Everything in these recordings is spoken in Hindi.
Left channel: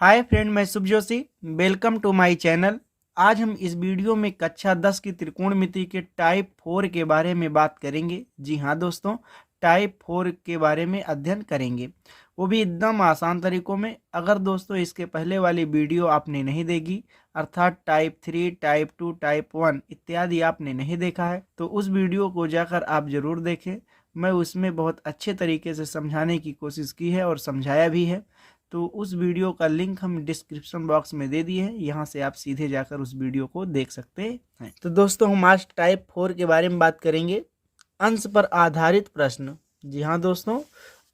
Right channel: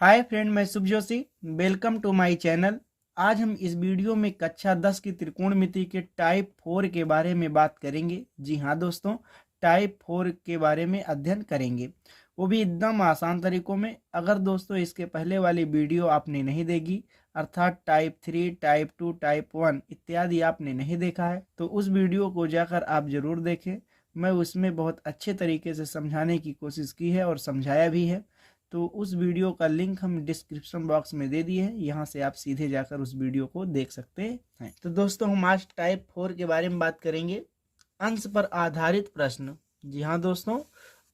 हाय फ्रेंड, मैं Shubh Joshi. Welcome to my channel. आज हम इस वीडियो में कक्षा 10 की त्रिकोणमिति के टाइप 4 के बारे में बात करेंगे। जी हाँ दोस्तों, टाइप 4 के बारे में अध्ययन करेंगे, वो भी एकदम आसान तरीकों में। अगर दोस्तों इसके पहले वाली वीडियो आपने नहीं देखी, अर्थात टाइप 3, टाइप 2, टाइप 1 इत्यादि आपने नहीं देखा है, तो उस वीडियो को जाकर आप ज़रूर देखें। मैं उसमें बहुत अच्छे तरीके से समझाने की कोशिश की है और समझाया भी है। तो उस वीडियो का लिंक हम डिस्क्रिप्शन बॉक्स में दे दिए हैं, यहाँ से आप सीधे जाकर उस वीडियो को देख सकते हैं। तो दोस्तों हम आज टाइप 4 के बारे में बात करेंगे, अंश पर आधारित प्रश्न। जी हाँ दोस्तों,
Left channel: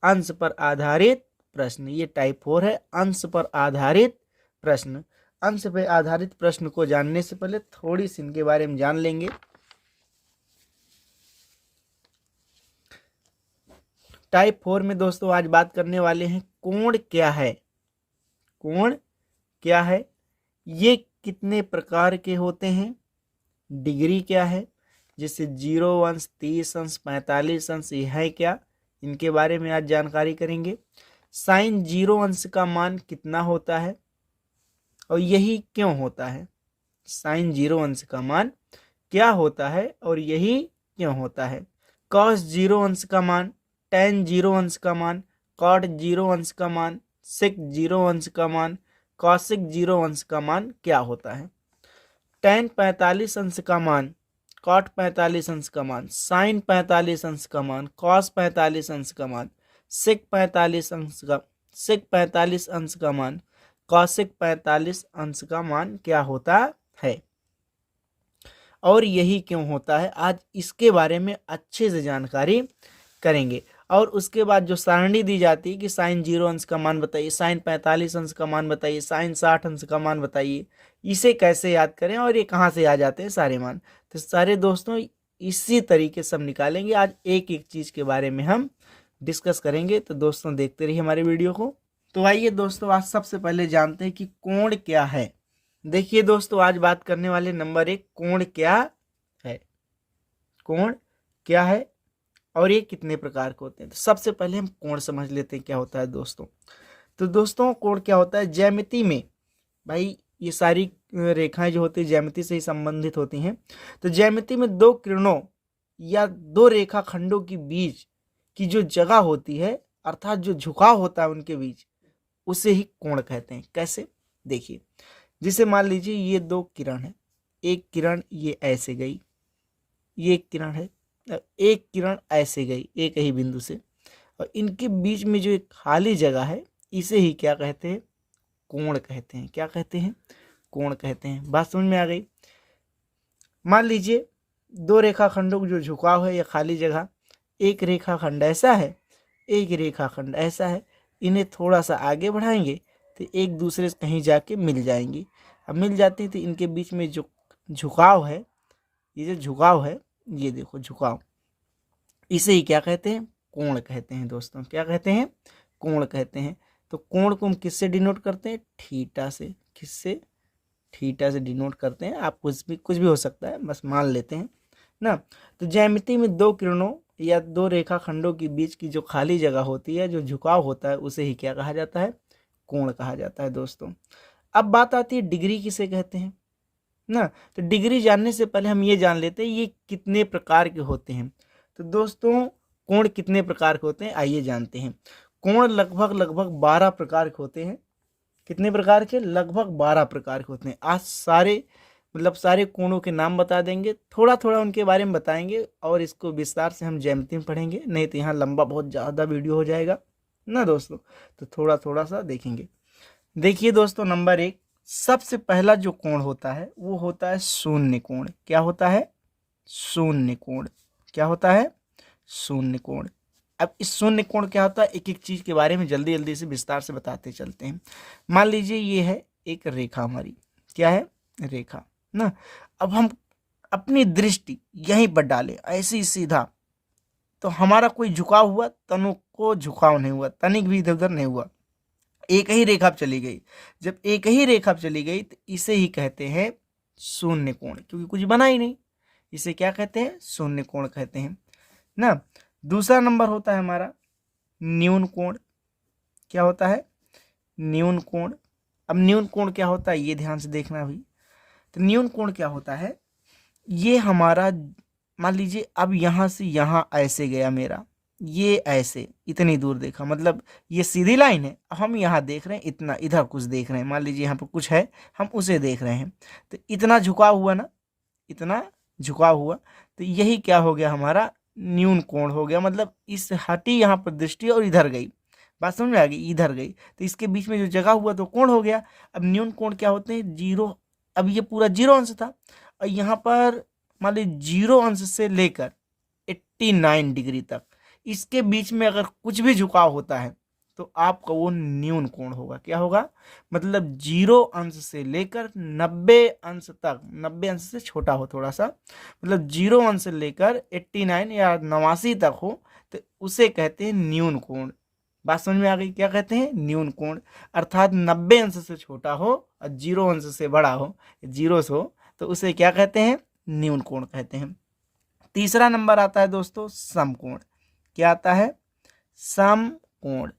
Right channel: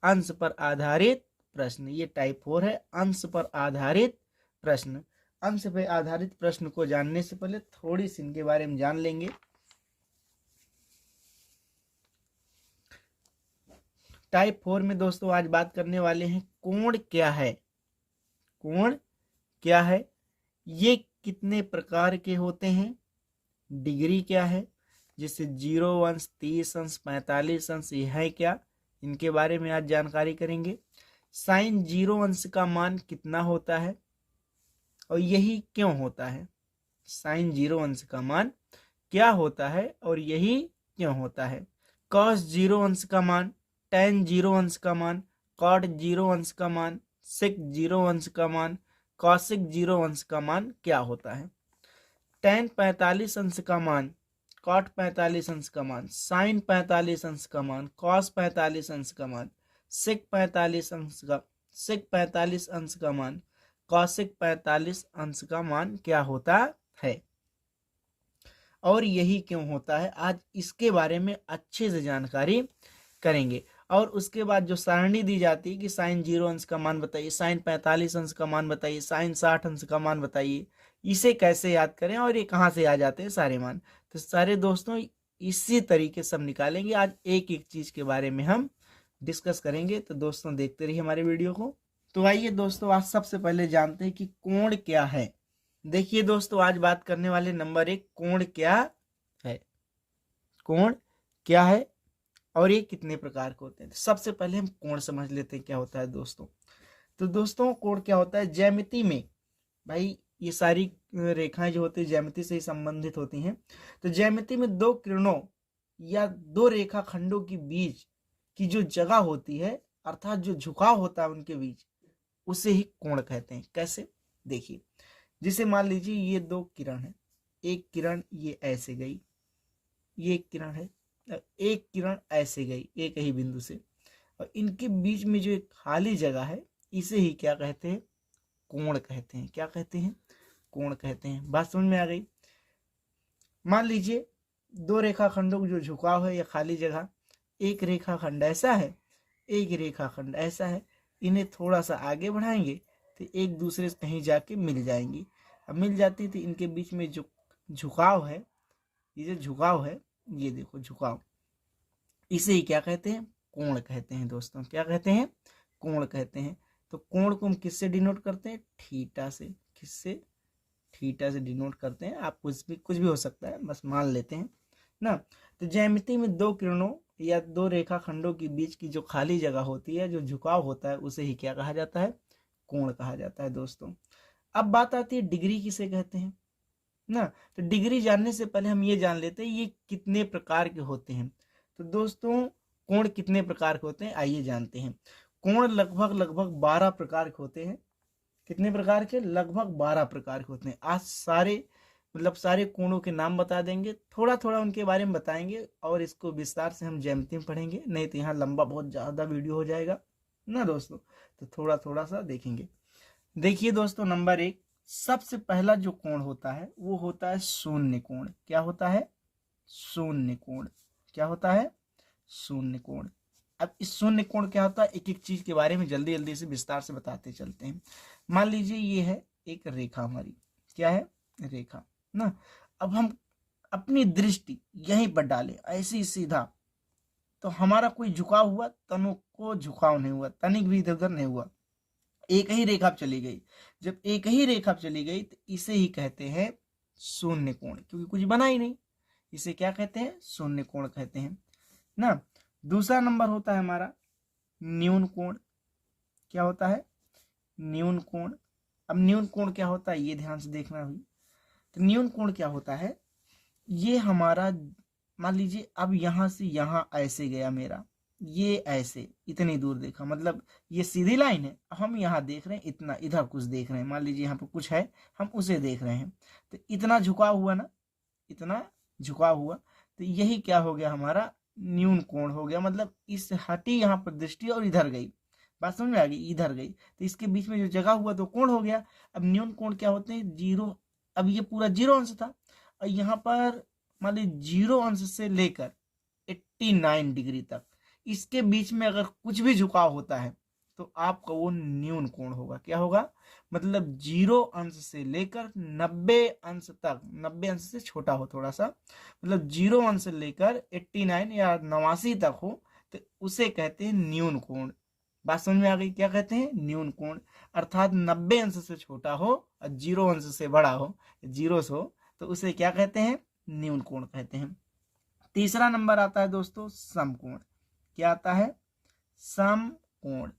अंश पर आधारित प्रश्न, ये टाइप 4 है, अंश पर आधारित प्रश्न। अंश पर आधारित प्रश्न को जानने से पहले थोड़ी सी इनके बारे में जान लेंगे। टाइप 4 में दोस्तों आज बात करने वाले हैं कोण क्या है। कोण क्या है, ये कितने प्रकार के होते हैं, डिग्री क्या है, जैसे 0 अंश, 30 अंश, 45 अंश, ये है क्या, इनके बारे में आज जानकारी करेंगे। साइन 0 अंश का मान कितना होता है और यही क्यों होता है। साइन 0 अंश का मान क्या होता है और यही क्यों होता है। कॉस 0 अंश का मान, टेन 0 अंश का मान, कॉट 0 अंश का मान, सेक 0 अंश का मान, कॉसिक 0 अंश का मान क्या होता है। टेन 45 अंश का मान, कॉट 45 अंश का मान, साइन 45 अंश का मान, कॉस 45 अंश का मान, सेक 45 अंश का सेक 45 अंश का मान, कॉसिक 45 अंश का मान क्या होता है और यही क्यों होता है। आज इसके बारे में अच्छे से जानकारी करेंगे। और उसके बाद जो सारणी दी जाती है कि साइन 0 अंश का मान बताइए, साइन 45 अंश का मान बताइए, साइन 60 अंश का मान बताइए, इसे कैसे याद करें और ये कहाँ से आ जाते हैं सारे मान। तो सारे दोस्तों इसी तरीके से हम निकालेंगे। आज एक एक चीज़ के बारे में हम डिस्कस करेंगे। तो दोस्तों देखते रहिए हमारे वीडियो को। तो आइए दोस्तों, आज सबसे पहले जानते हैं कि कोण क्या है। देखिए दोस्तों, आज बात करने वाले नंबर 1, कोण क्या है। कोण क्या है और ये कितने प्रकार के होते हैं। तो सबसे पहले हम कोण समझ लेते हैं क्या होता है दोस्तों। तो दोस्तों कोण क्या होता है, ज्यामिति में भाई ये सारी रेखाएं जो होती है ज्यामिति से ही संबंधित होती हैं। तो ज्यामिति में दो किरणों या दो रेखा खंडों के बीच की जो जगह होती है, अर्थात जो झुकाव होता है उनके बीच, उसे ही कोण कहते हैं। कैसे, देखिए, जिसे मान लीजिए ये दो किरण है, एक किरण ये ऐसे गई, ये एक किरण है, एक किरण ऐसे गई एक ही बिंदु से, और इनके बीच में जो एक खाली जगह है, इसे ही क्या कहते हैं, कोण कहते हैं। क्या कहते हैं, कोण कहते हैं। बात समझ में आ गई। मान लीजिए दो रेखाखंडों का जो झुकाव है या खाली जगह, एक रेखाखंड ऐसा है, एक रेखाखंड ऐसा है, इन्हें थोड़ा सा आगे बढ़ाएंगे तो एक दूसरे से कहीं जाके मिल जाएंगी। अब मिल जाती है तो इनके बीच में जो झुकाव है, ये जो झुकाव है, ये देखो झुकाव, इसे ही क्या कहते हैं, कोण कहते हैं दोस्तों। क्या कहते हैं, कोण कहते हैं। तो कोण को हम किससे डिनोट करते हैं, थीटा से। किससे, थीटा से डिनोट करते हैं। आप कुछ भी हो सकता है, बस मान लेते हैं ना। तो ज्यामिति में दो किरणों या दो रेखाखंडों के बीच की जो खाली जगह होती है, जो झुकाव होता है, उसे ही क्या कहा जाता है, कोण कहा जाता है दोस्तों। अब बात आती है डिग्री किसे कहते हैं ना। तो डिग्री जानने से पहले हम ये जान लेते हैं ये कितने प्रकार के होते हैं। तो दोस्तों कोण कितने प्रकार के होते हैं, आइए जानते हैं। कोण लगभग 12 प्रकार के होते हैं। कितने प्रकार के, लगभग 12 प्रकार के होते हैं। आज सारे कोणों के नाम बता देंगे, थोड़ा थोड़ा उनके बारे में बताएंगे, और इसको विस्तार से हम ज्यामिति में पढ़ेंगे, नहीं तो यहाँ लंबा बहुत ज़्यादा वीडियो हो जाएगा ना दोस्तों। तो थोड़ा थोड़ा सा देखेंगे। देखिए दोस्तों, नंबर 1, सबसे पहला जो कोण होता है वो होता है शून्य कोण। क्या होता है, शून्य कोण। क्या होता है, शून्य कोण। अब इस शून्य कोण क्या होता है, एक एक चीज के बारे में जल्दी जल्दी से विस्तार से बताते चलते हैं। मान लीजिए ये है एक रेखा हमारी, क्या है, रेखा ना। अब हम अपनी दृष्टि यहीं पर डालें ऐसे ही सीधा, तो हमारा कोई झुकाव हुआ, तनु को झुकाव नहीं हुआ, तनिक भी इधर उधर नहीं हुआ, एक ही रेखा पर चली गई। जब एक ही रेखा पर चली गई तो इसे ही कहते हैं शून्य कोण, क्योंकि कुछ बना ही नहीं। इसे क्या कहते हैं, शून्य कोण कहते हैं ना। दूसरा नंबर होता है हमारा न्यून कोण। क्या होता है, न्यून कोण। अब न्यून कोण क्या होता है ये ध्यान से देखना भी। तो न्यून कोण क्या होता है, ये हमारा मान लीजिए अब यहाँ से यहाँ ऐसे गया मेरा, ये ऐसे इतनी दूर देखा, मतलब ये सीधी लाइन है, हम यहाँ देख रहे हैं इतना, इधर कुछ देख रहे हैं, मान लीजिए यहाँ पर कुछ है हम उसे देख रहे हैं, तो इतना झुकाव हुआ ना, इतना झुकाव हुआ, तो यही क्या हो गया हमारा न्यून कोण हो गया। मतलब इस हटी यहाँ पर दृष्टि और इधर गई, बात समझ में आ गई, इधर गई, तो इसके बीच में जो जगह हुआ तो कोण हो गया। अब न्यून कोण क्या होते हैं, जीरो, अब ये पूरा 0 अंश था और यहाँ पर मान लीजिए 0 अंश से लेकर 89 डिग्री तक, इसके बीच में अगर कुछ भी झुकाव होता है तो आपका वो न्यून कोण होगा। क्या होगा, मतलब 0 अंश से लेकर 90 अंश तक, 90 अंश से छोटा हो थोड़ा सा, मतलब 0 अंश से लेकर 89 या 89 तक हो, तो उसे कहते हैं न्यून कोण। बात समझ में आ गई, क्या कहते हैं न्यून कोण। अर्थात 90 अंश से छोटा हो और 0 अंश से बड़ा हो, 0 से हो, तो उसे क्या कहते हैं न्यून कोण कहते हैं। तीसरा नंबर आता है दोस्तों समकोण। क्या आता है, समकोण।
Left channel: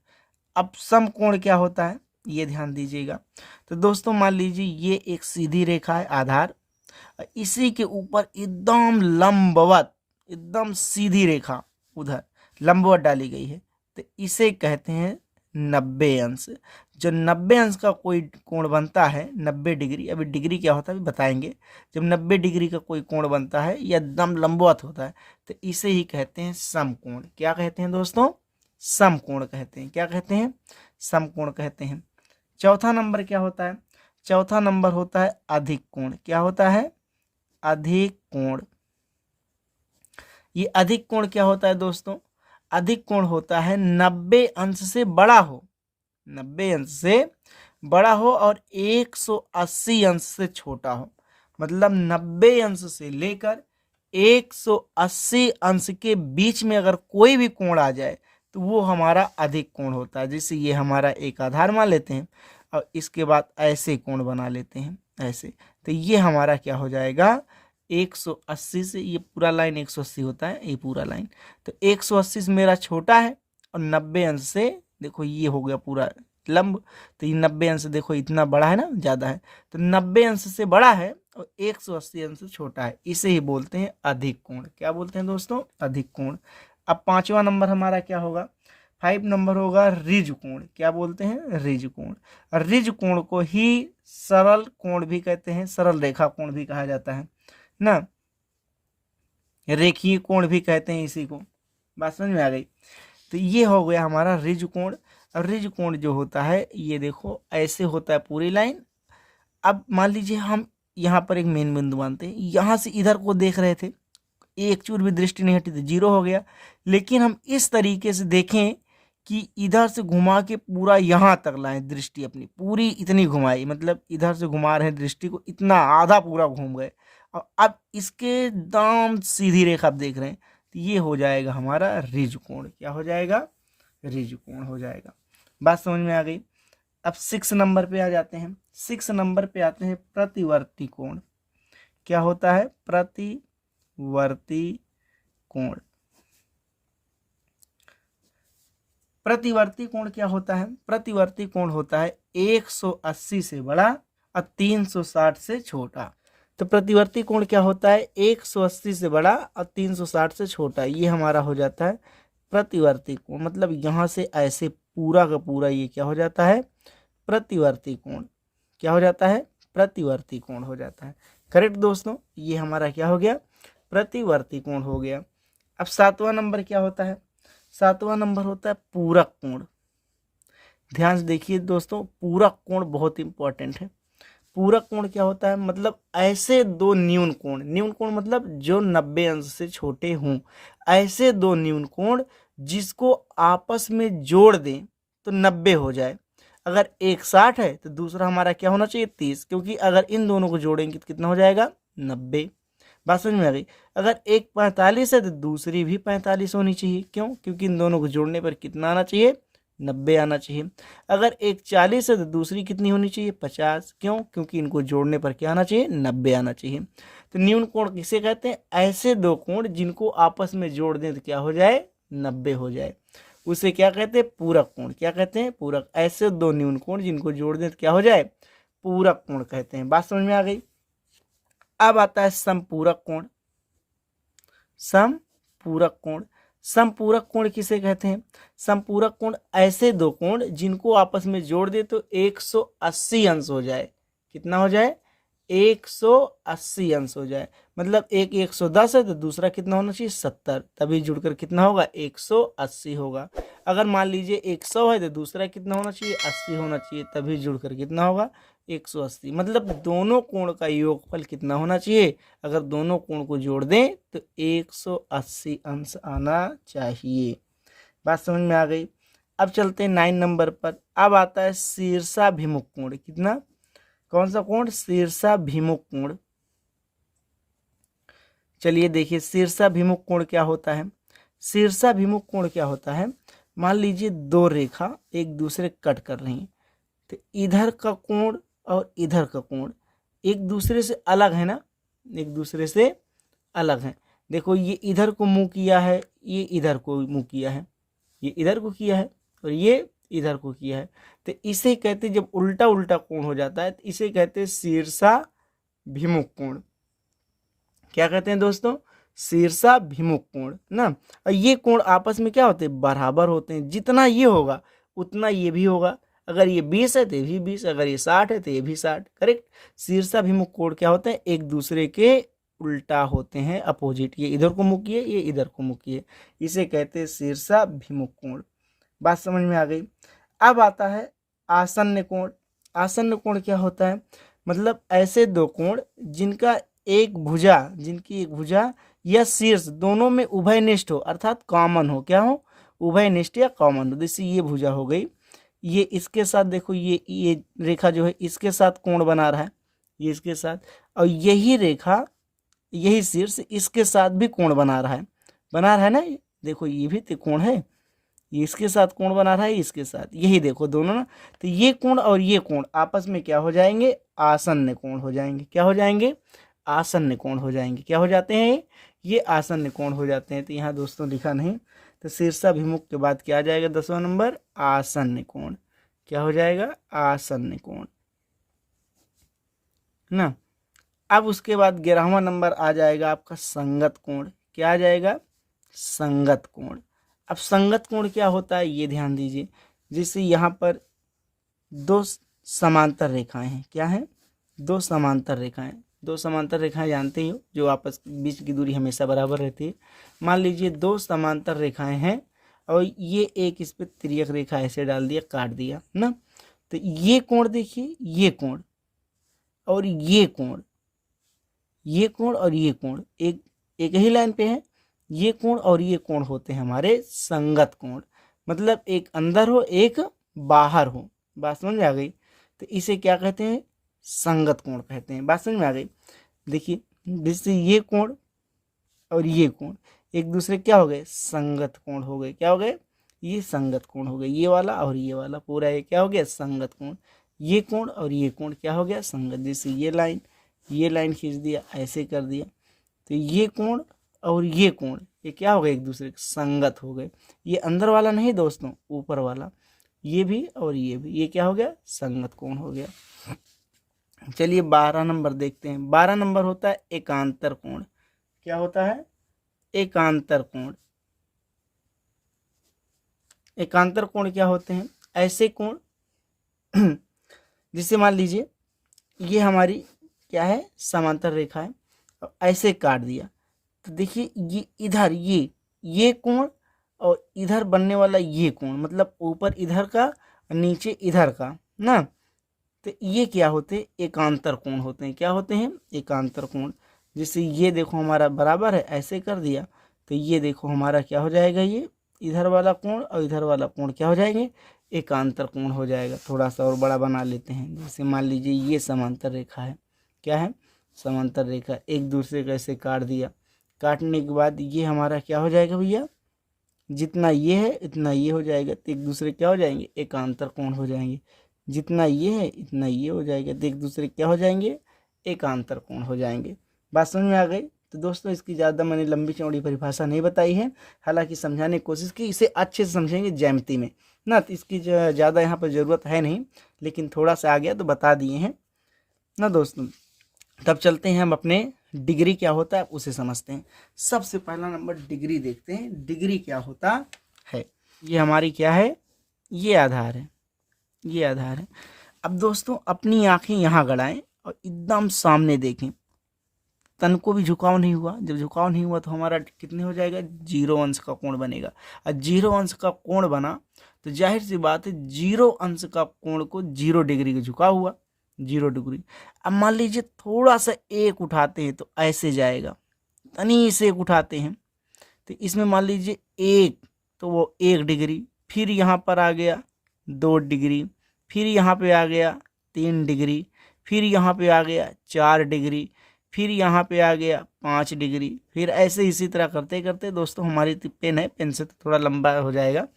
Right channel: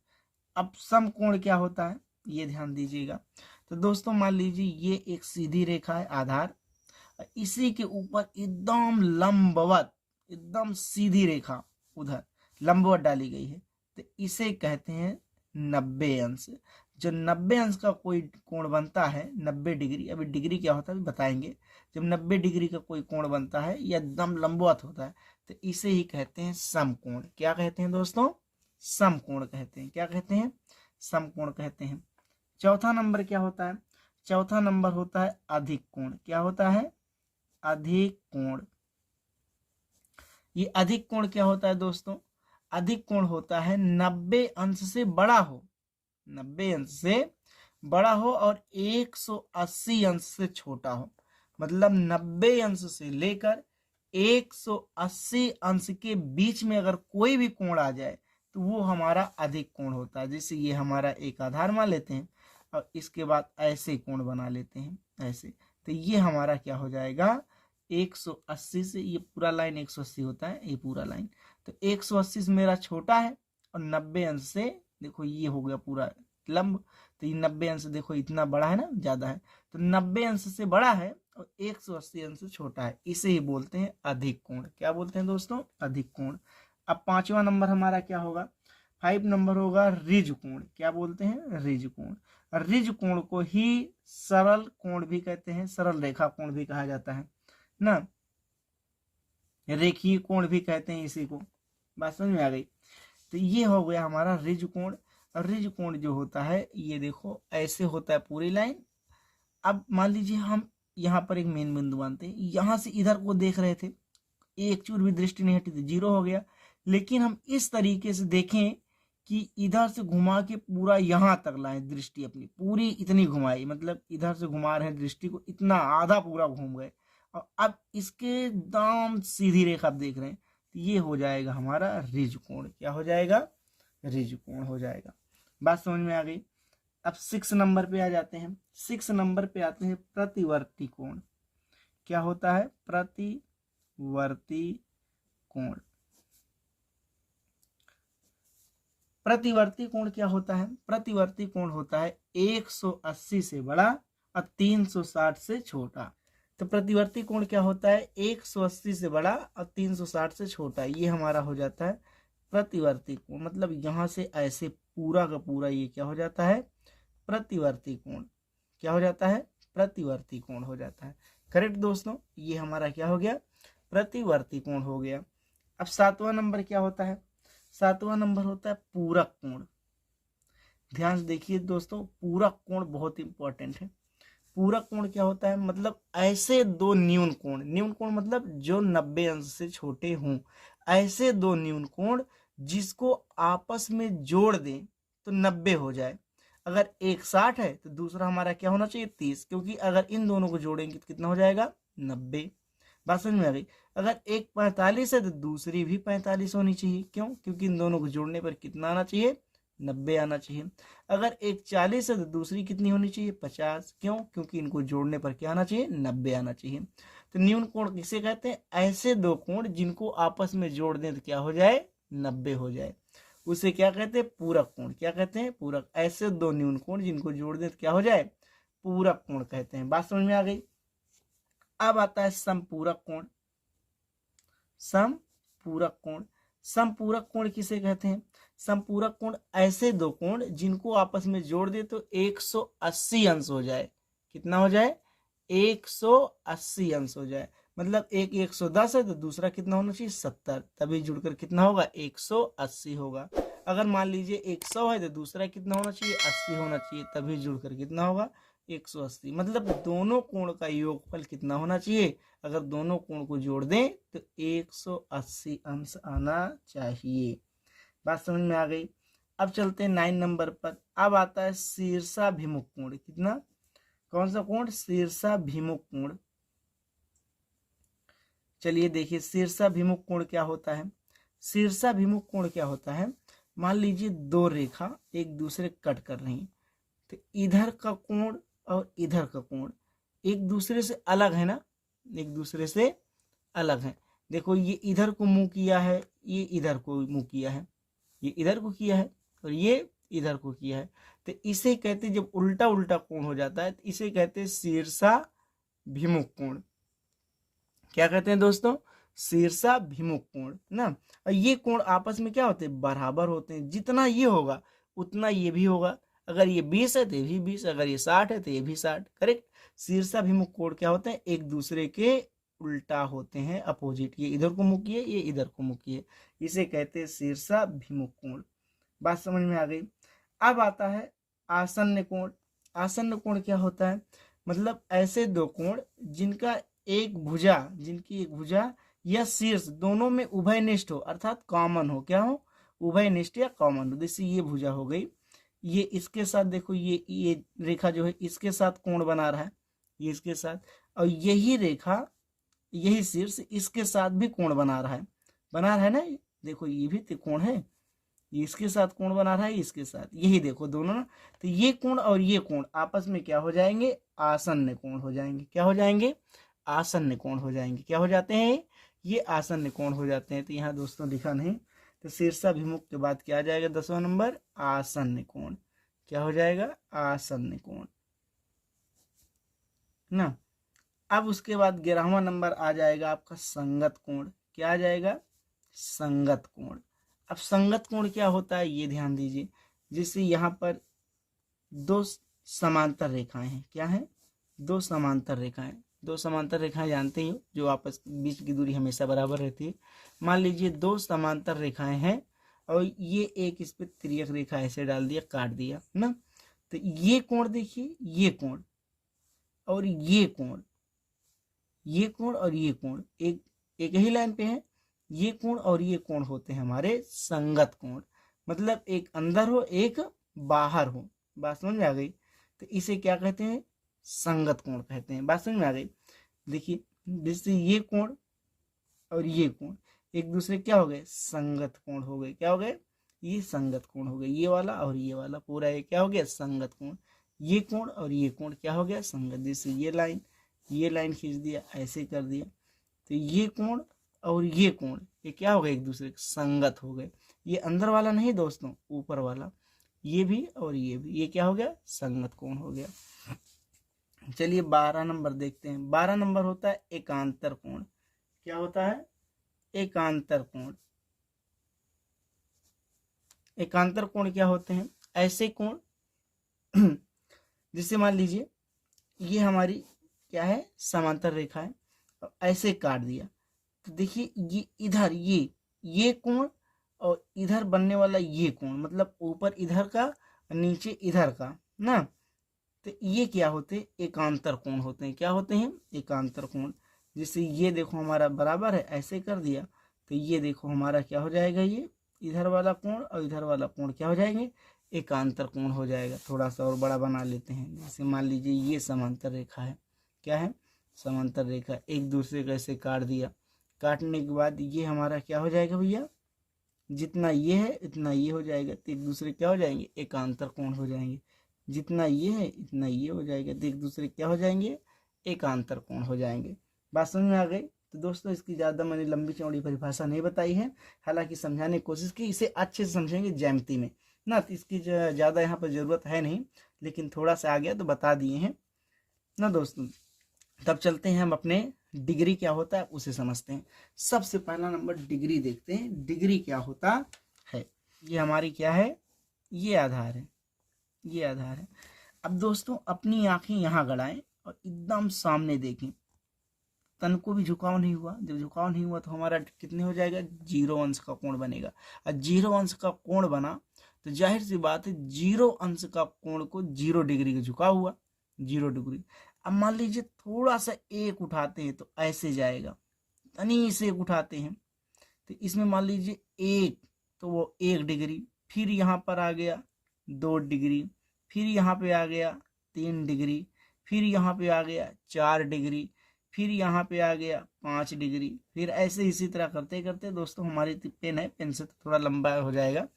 अब समकोण क्या होता है ये ध्यान दीजिएगा। तो दोस्तों मान लीजिए ये एक सीधी रेखा है आधार, इसी के ऊपर एकदम लंबवत, एकदम सीधी रेखा उधर लंबवत डाली गई है, तो इसे कहते हैं 90 अंश। जो 90 अंश का कोई कोण बनता है 90 डिग्री, अभी डिग्री क्या होता है अभी बताएंगे, जब 90 डिग्री का कोई कोण बनता है या एकदम लंबवत होता है तो इसे ही कहते हैं समकोण। क्या कहते हैं दोस्तों, समकोण कहते हैं। क्या कहते हैं, समकोण कहते हैं। चौथा नंबर क्या होता है, चौथा नंबर होता है अधिक कोण। क्या होता है, अधिक कोण। ये अधिक कोण क्या होता है दोस्तों, अधिक कोण होता है 90 अंश से बड़ा हो, 90 अंश से बड़ा हो और 180 अंश से छोटा हो। मतलब 90 अंश से लेकर 180 अंश के बीच में अगर कोई भी कोण आ जाए तो वो हमारा अधिक कोण होता है। जैसे ये हमारा एक आधार मान लेते हैं और इसके बाद ऐसे कोण बना लेते हैं ऐसे, तो ये हमारा क्या हो जाएगा 180 से, ये पूरा लाइन 180 होता है ये पूरा लाइन, तो 180 से मेरा छोटा है और 90 अंश से देखो ये हो गया पूरा लंब, तो ये 90 अंश देखो इतना बड़ा है ना, ज़्यादा है, तो 90 अंश से बड़ा है और 180 अंश से छोटा है, इसे ही बोलते हैं अधिक कोण। क्या बोलते हैं दोस्तों, अधिक कोण। अब पांचवा नंबर हमारा क्या होगा, 5 नंबर होगा ऋज कोण। क्या बोलते हैं, ऋज कोण। ऋज कोण को ही सरल कोण भी कहते हैं, सरल रेखा कोण भी कहा जाता है ना, रेखीय कोण भी कहते हैं इसी को। बात समझ में आ गई। तो ये हो गया हमारा ऋज कोण। ऋज कोण जो होता है ये देखो ऐसे होता है पूरी लाइन। अब मान लीजिए हम यहाँ पर एक मेन बिंदु मानते हैं, यहाँ से इधर को देख रहे थे, एक चूर भी दृष्टि नहीं हटी तो 0 हो गया, लेकिन हम इस तरीके से देखें कि इधर से घुमा के पूरा यहाँ तक लाएं दृष्टि अपनी, पूरी इतनी घुमाई, मतलब इधर से घुमा रहे दृष्टि को, इतना आधा पूरा घूम गए और अब इसके दाम सीधी रेखा आप देख रहे हैं, तो ये हो जाएगा हमारा ऋज कोण। क्या हो जाएगा, ऋज कोण हो जाएगा। बात समझ में आ गई। अब 6 नंबर पे आ जाते हैं। 6 नंबर पे आते हैं प्रतिवर्ती कोण। क्या होता है, प्रतिवर्ती कोण। प्रतिवर्ती कोण क्या होता है, प्रतिवर्ती कोण होता है 180 से बड़ा और 360 से छोटा। तो प्रतिवर्ती कोण क्या होता है, 180 से बड़ा और 360 से छोटा, ये हमारा हो जाता है प्रतिवर्ती कोण। मतलब यहाँ से ऐसे पूरा का पूरा ये क्या हो जाता है, प्रतिवर्ती कोण। क्या हो जाता है, प्रतिवर्ती कोण हो जाता है। करेक्ट दोस्तों, ये हमारा क्या हो गया, प्रतिवर्ती कोण हो गया। अब 7वां नंबर क्या होता है, 7वां नंबर होता है पूरक कोण। ध्यान से देखिए दोस्तों, पूरक कोण बहुत इंपॉर्टेंट है। पूरक कोण क्या होता है, मतलब ऐसे दो न्यून कोण, न्यून कोण मतलब जो 90 अंश से छोटे हों, ऐसे दो न्यून कोण जिसको आपस में जोड़ दें तो 90 हो जाए। अगर एक 60 है तो दूसरा हमारा क्या होना चाहिए 30, क्योंकि अगर इन दोनों को जोड़ेंगे तो कितना हो जाएगा 90। बात समझ में आ गई। अगर एक 45 है तो दूसरी भी 45 होनी चाहिए, क्यों, क्योंकि इन दोनों को जोड़ने पर कितना आना चाहिए 90 आना चाहिए। अगर एक 40 है तो दूसरी कितनी होनी चाहिए 50, क्यों, क्योंकि इनको जोड़ने पर क्या आना चाहिए 90 आना चाहिए। तो न्यून कोण किसे कहते हैं, ऐसे दो कोण जिनको आपस में जोड़ दें तो क्या हो जाए 90 हो जाए। उसे क्या कहते हैं, पूरक कोण। क्या कहते हैं, पूरक। ऐसे दो न्यून कोण जिनको जोड़ दें तो क्या हो जाए, पूरक कोण कहते हैं। बात समझ में आ गई। अब आता है समपूरक कोण। समपूरक कोण, समपूरक कोण किसे कहते हैं, समपूरक कोण ऐसे दो कोण जिनको आपस में जोड़ दे तो 180 अंश हो जाए। कितना हो जाए, 180 अंश हो जाए। मतलब एक 110 है तो दूसरा कितना होना चाहिए, 70, तभी जुड़कर कितना होगा, 180 होगा। अगर मान लीजिए 100 है तो दूसरा कितना होना चाहिए, 80 होना चाहिए, तभी जुड़कर कितना होगा, 180। मतलब दोनों कोण का योगफल कितना होना चाहिए, अगर दोनों कोण को जोड़ दें तो 180 अंश आना चाहिए। बात समझ में आ गई। अब चलते हैं 9 नंबर पर। अब आता है शीर्षाभिमुख कोण। कितना, कौन सा कोण, शीर्षाभिमुख कोण। चलिए देखिए शीर्षाभिमुख कोण क्या होता है। शीर्षाभिमुख कोण क्या होता है, मान लीजिए दो रेखा एक दूसरे कट कर रही हैं, तो इधर का कोण और इधर का कोण एक दूसरे से अलग है ना, एक दूसरे से अलग है। देखो ये इधर को मुंह किया है, ये इधर को मुंह किया है, ये इधर को किया है और ये इधर को किया है। तो इसे कहते हैं, जब उल्टा उल्टा कोण हो जाता है तो इसे कहते हैं शीर्षाभिमुख कोण। क्या कहते हैं दोस्तों, शीर्षाभिमुख कोण ना। और ये कोण आपस में क्या होते हैं, बराबर होते हैं। जितना ये होगा उतना ये भी होगा। अगर ये 20 है तो ये भी 20, अगर ये 60 है तो ये भी 60। करेक्ट। शीर्षाभिमुख कोण क्या होते हैं, एक दूसरे के उल्टा होते हैं, अपोजिट। ये इधर को मुख किए, ये इधर को मुख किए, इसे कहते हैं शीर्षाभिमुख कोण। बात समझ में आ गई। अब आता है आसन्न कोण। आसन्न कोण क्या होता है, मतलब ऐसे दो कोण जिनका जिनकी एक भुजा या शीर्ष दोनों में उभयनिष्ठ हो, अर्थात कॉमन हो। क्या हो, उभयनिष्ठ या कॉमन हो। जैसे ये भुजा हो गई, ये इसके साथ देखो, ये रेखा जो है इसके साथ कोण बना रहा है, ये इसके साथ, और यही रेखा यही शीर्ष इसके साथ भी कोण बना रहा है ना। देखो ये भी तो कोण है, ये इसके साथ कोण बना रहा है, इसके साथ, यही देखो दोनों ना। तो ये कोण और ये कोण आपस में क्या हो जाएंगे, आसन्न कोण हो जाएंगे। क्या हो जाएंगे, आसन्न कोण हो जाएंगे। क्या हो जाते हैं, ये आसन्न कोण हो जाते हैं। तो यहाँ दोस्तों लिखा नहीं, तो शीर्षाभिमुख के बाद क्या आ जाएगा, 10वां नंबर, आसन्न कोण। क्या हो जाएगा, आसन्न कोण ना। अब उसके बाद 11वां नंबर आ जाएगा आपका संगत कोण। क्या आ जाएगा, संगत कोण। अब संगत कोण क्या होता है ये ध्यान दीजिए। जैसे यहाँ पर दो समांतर रेखाएं हैं। क्या है, दो समांतर रेखाएं। दो समांतर रेखाएं जानते ही हो, जो आपस बीच की दूरी हमेशा बराबर रहती है। मान लीजिए दो समांतर रेखाएं हैं और ये एक इस पर तिर्यक रेखा ऐसे डाल दिया, काट दिया ना। तो ये कोण देखिए, ये कोण और ये कोण, ये कोण और ये कोण एक ही लाइन पे है। ये कोण और ये कोण होते हैं हमारे संगत कोण। मतलब एक अंदर हो एक बाहर हो। बात समझ में आ गई। तो इसे क्या कहते हैं, संगत कोण कहते हैं। बात समझ में आ गई। देखिए जैसे ये कोण और ये कोण एक दूसरे क्या हो गए, संगत कोण हो गए। क्या हो गए, ये संगत कोण हो गए। ये वाला और ये वाला पूरा ये क्या हो गया, संगत कोण। ये कोण और ये कोण क्या हो गया, संगत। जैसे ये लाइन खींच दिया, ऐसे कर दिया, तो ये कोण और ये कोण ये क्या हो गए, एक दूसरे के संगत हो गए। ये अंदर वाला नहीं दोस्तों, ऊपर वाला, ये भी और ये भी, ये क्या हो गया, संगत कोण हो गया। चलिए 12 नंबर देखते हैं। 12 नंबर होता है एकांतर कोण। क्या होता है, एकांतर कोण। एकांतर कोण क्या होते हैं, ऐसे कोण जिससे मान लीजिए ये हमारी क्या है, समांतर रेखा है, ऐसे काट दिया तो देखिए ये इधर ये कोण और इधर बनने वाला ये कोण, मतलब ऊपर इधर का नीचे इधर का ना। तो ये क्या होते हैं, एकांतर कोण होते हैं। क्या होते हैं, एकांतर कोण। जैसे ये देखो हमारा बराबर है, ऐसे कर दिया तो ये देखो हमारा क्या हो जाएगा, ये इधर वाला कोण और इधर वाला कोण क्या हो जाएंगे, एकांतर कोण हो जाएगा। थोड़ा सा और बड़ा बना लेते हैं। जैसे मान लीजिए ये समांतर रेखा है, क्या है, समांतर रेखा, एक दूसरे का ऐसे काट दिया। काटने के बाद ये हमारा क्या हो जाएगा भैया, जितना ये है इतना ये हो जाएगा, तो एक दूसरे क्या हो जाएंगे, एकांतर कोण हो जाएंगे। जितना ये है इतना ये हो जाएगा, तो एक दूसरे क्या हो जाएंगे, एकांतर कोण हो जाएंगे। बात समझ में आ गई। तो दोस्तों इसकी ज़्यादा मैंने लंबी चौड़ी परिभाषा नहीं बताई है, हालांकि समझाने की कोशिश की, इसे अच्छे से समझेंगे ज्यामिति में ना, तो इसकी ज़्यादा यहाँ पर ज़रूरत है नहीं, लेकिन थोड़ा सा आ गया तो बता दिए हैं ना दोस्तों। तब चलते हैं हम अपने डिग्री क्या होता है उसे समझते हैं। सबसे पहला नंबर डिग्री देखते हैं, डिग्री क्या होता है। ये हमारी क्या है, ये आधार है, ये आधार है। अब दोस्तों अपनी आंखें यहाँ गड़ाएं और एकदम सामने देखें, तन को भी झुकाव नहीं हुआ। जब झुकाव नहीं हुआ तो हमारा कितने हो जाएगा, 0 अंश का कोण बनेगा। और 0 अंश का कोण बना तो जाहिर सी बात है 0 अंश का कोण को 0 डिग्री का झुका हुआ, 0 डिग्री। अब मान लीजिए थोड़ा सा एक उठाते हैं तो ऐसे जाएगा, तनी से एक उठाते हैं तो इसमें मान लीजिए एक, तो वो 1 डिग्री, फिर यहाँ पर आ गया 2 डिग्री, फिर यहाँ पे आ गया 3 डिग्री, फिर यहाँ पे आ गया 4 डिग्री, फिर यहाँ पे आ गया 5 डिग्री, फिर ऐसे इसी तरह करते करते दोस्तों, हमारी पेन है, पेन से तो थोड़ा लंबा हो जाएगा,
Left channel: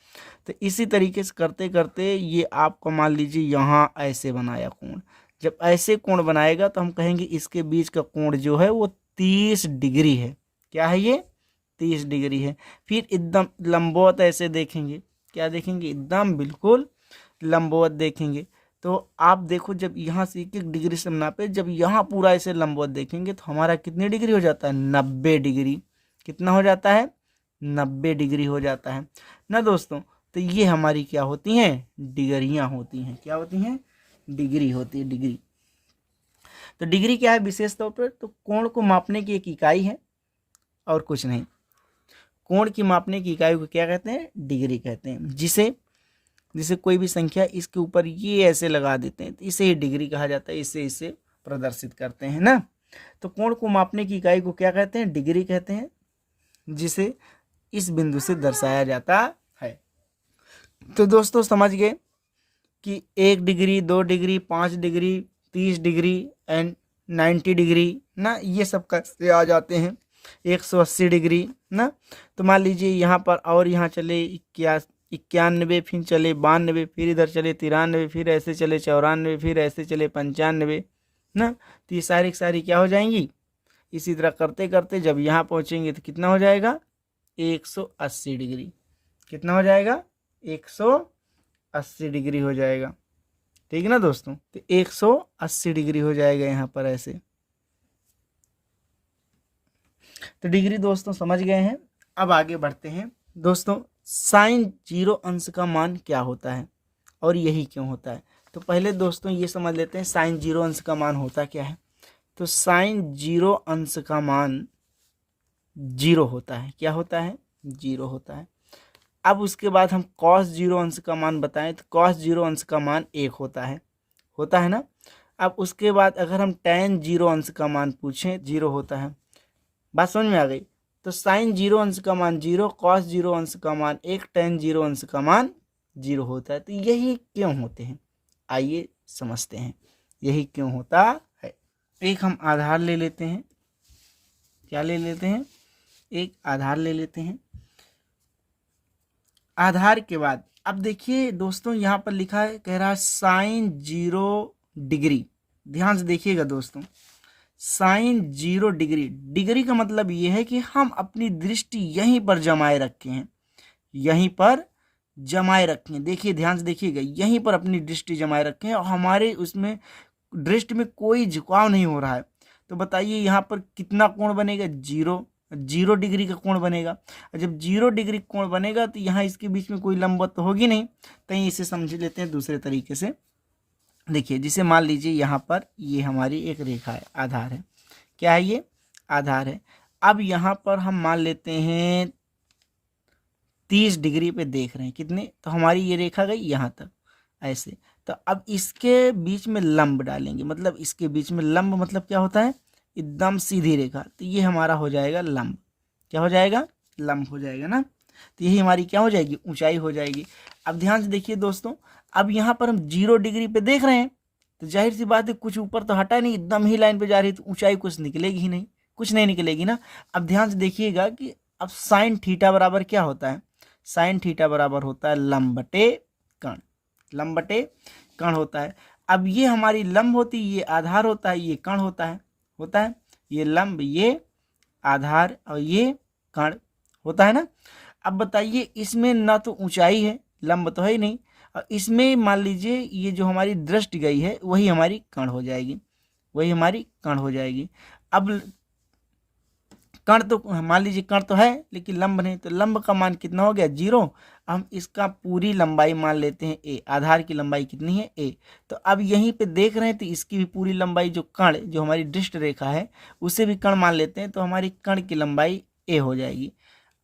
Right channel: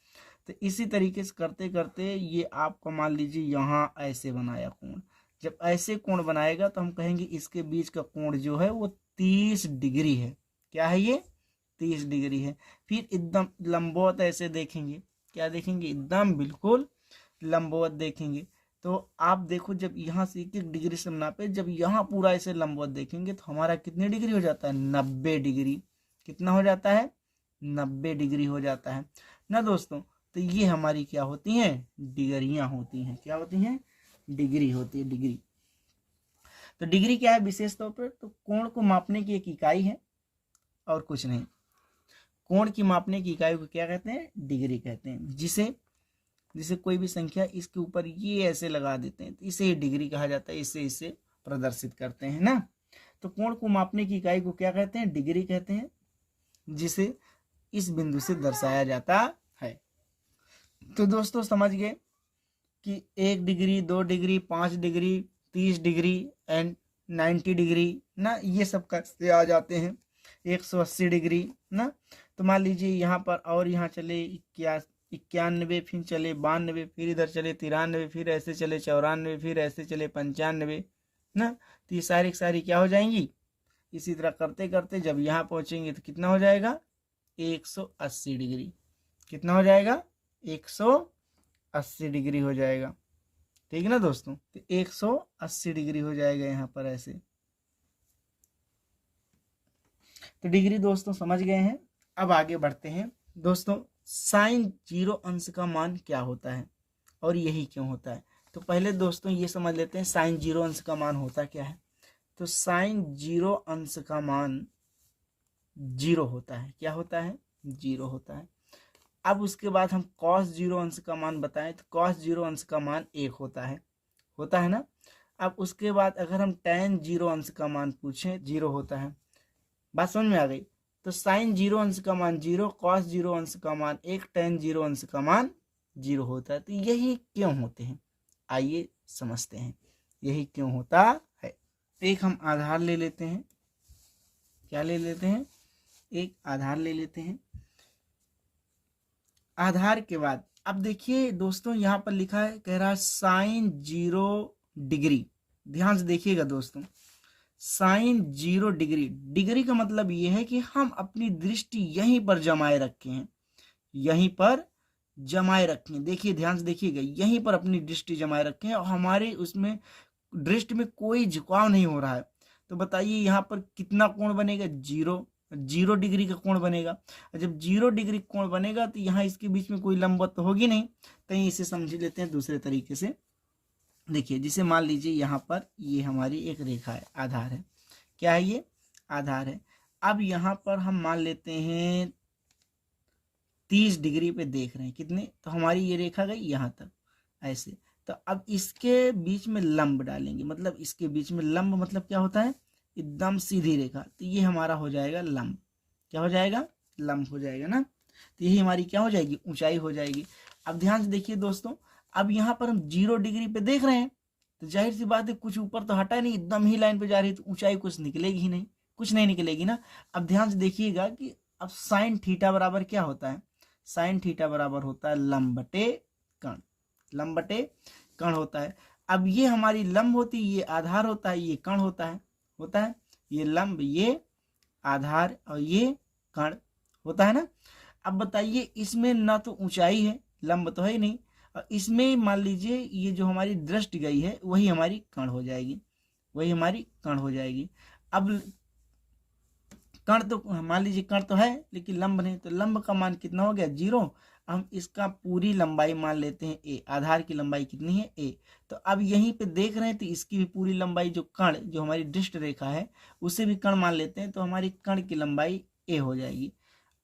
तो इसी तरीके से करते करते ये आपको मान लीजिए यहाँ ऐसे बनाया कोण। जब ऐसे कोण बनाएगा तो हम कहेंगे इसके बीच का कोण जो है वो 30 डिग्री है। क्या है ये, 30 डिग्री है। फिर एकदम लंबवत ऐसे देखेंगे, क्या देखेंगे, एकदम बिल्कुल लंबवत देखेंगे। तो आप देखो जब यहाँ से 1-1 डिग्री से नापे, जब यहाँ पूरा ऐसे लंबवत देखेंगे तो हमारा कितनी डिग्री हो जाता है, 90 डिग्री। कितना हो जाता है, 90 डिग्री हो जाता है ना दोस्तों। तो ये हमारी क्या होती हैं, डिग्रियां होती हैं। क्या होती हैं, डिग्री होती है, डिग्री। तो डिग्री क्या है विशेष तौर पर, तो कोण को मापने की एक इकाई है और कुछ नहीं। कोण की मापने की इकाई को क्या कहते हैं, डिग्री कहते हैं। जिसे कोई भी संख्या इसके ऊपर ये ऐसे लगा देते हैं तो इसे ही डिग्री कहा जाता है, इसे प्रदर्शित करते हैं ना। तो कोण को मापने की इकाई को क्या कहते हैं, डिग्री कहते हैं, जिसे इस बिंदु से दर्शाया जाता है। तो दोस्तों समझ गए कि 1 degree, 2 degree, 5 degree, 30 degree and 90 degree ना, ये सब कैसे आ जाते हैं, 180 डिग्री ना। तो मान लीजिए यहाँ पर और यहाँ चले 91, फिर चले 92, फिर इधर चले 93, फिर ऐसे चले 94, फिर ऐसे चले 95 ना। तो ये सारी सारी क्या हो जाएंगी, इसी तरह करते करते जब यहाँ पहुँचेंगे तो कितना हो जाएगा, 180 डिग्री। कितना हो जाएगा, 180 डिग्री हो जाएगा। ठीक है ना दोस्तों, तो 180 डिग्री हो जाएगा यहाँ पर ऐसे। तो डिग्री दोस्तों समझ गए हैं। अब आगे बढ़ते हैं दोस्तों, साइन 0 अंश का मान क्या होता है और यही क्यों होता है। तो पहले दोस्तों ये समझ लेते हैं साइन 0 अंश का मान होता क्या है। तो साइन 0 अंश का मान 0 होता है। क्या होता है, 0 होता है। अब उसके बाद हम कॉस 0 अंश का मान बताएं तो कॉस 0 अंश का मान 1 होता है ना। अब उसके बाद अगर हम tan 0 अंश का मान पूछें, 0 होता है। बात समझ में आ गई। तो साइन 0 अंश का मान 0, कॉस 0 अंश का मान 1, tan 0 अंश का मान 0 होता है। तो यही क्यों होते हैं, आइए समझते हैं यही क्यों होता है। एक हम आधार ले लेते हैं, क्या ले लेते हैं, एक आधार ले लेते हैं। आधार के बाद अब देखिए दोस्तों यहाँ पर लिखा है, कह रहा है साइन 0 डिग्री। ध्यान से देखिएगा दोस्तों, साइन 0 डिग्री, डिग्री का मतलब ये है कि हम अपनी दृष्टि यहीं पर जमाए रखे हैं, यहीं पर जमाए रखे हैं। देखिए ध्यान से देखिएगा, यहीं पर अपनी दृष्टि जमाए रखे हैं और हमारे उसमें दृष्टि में कोई झुकाव नहीं हो रहा है। तो बताइए यहाँ पर कितना कोण बनेगा, 0 डिग्री का कोण बनेगा। और जब 0 डिग्री कोण बनेगा तो यहाँ इसके बीच में कोई लंबवत तो होगी नहीं। कहीं इसे समझ लेते हैं दूसरे तरीके से। देखिए जिसे मान लीजिए यहाँ पर ये हमारी एक रेखा है, आधार है। क्या है ये, आधार है। अब यहाँ पर हम मान लेते हैं 30 डिग्री पे देख रहे हैं, कितने, तो हमारी ये रेखा गई यहाँ तक ऐसे। तो अब इसके बीच में लंब डालेंगे, मतलब इसके बीच में लंब मतलब क्या होता है, एकदम सीधी रेखा। तो ये हमारा हो जाएगा लंब। क्या हो जाएगा, लंब हो जाएगा ना। तो यही हमारी क्या हो जाएगी, ऊंचाई हो जाएगी। अब ध्यान से देखिए दोस्तों, अब यहाँ पर हम 0 डिग्री पे देख रहे हैं तो जाहिर सी बात है कुछ ऊपर तो हटा नहीं, एकदम ही लाइन पे जा रही है, तो ऊंचाई कुछ निकलेगी ही नहीं, कुछ नहीं निकलेगी ना। अब ध्यान से देखिएगा कि अब साइन थीटा बराबर क्या होता है, साइन थीटा बराबर होता है लंब बटे कर्ण, लंब बटे कर्ण होता है। अब ये हमारी लंब होती है, ये आधार होता है, ये कर्ण होता है, ये लंब ये आधार और ये कण होता है ना। अब बताइए इसमें ना तो ऊंचाई है, लंब तो है ही नहीं, और इसमें मान लीजिए ये जो हमारी दृष्टि गई है वही हमारी कण हो जाएगी, वही हमारी कण हो जाएगी। अब कण तो मान लीजिए कण तो है लेकिन लंब नहीं, तो लंब का मान कितना हो गया 0। हम इसका पूरी लंबाई मान लेते हैं a, आधार की लंबाई कितनी है a। तो अब यहीं पे देख रहे हैं तो इसकी भी पूरी लंबाई जो कण जो हमारी दृष्ट रेखा है उसे भी कण मान लेते हैं, तो हमारी कण की लंबाई a हो जाएगी।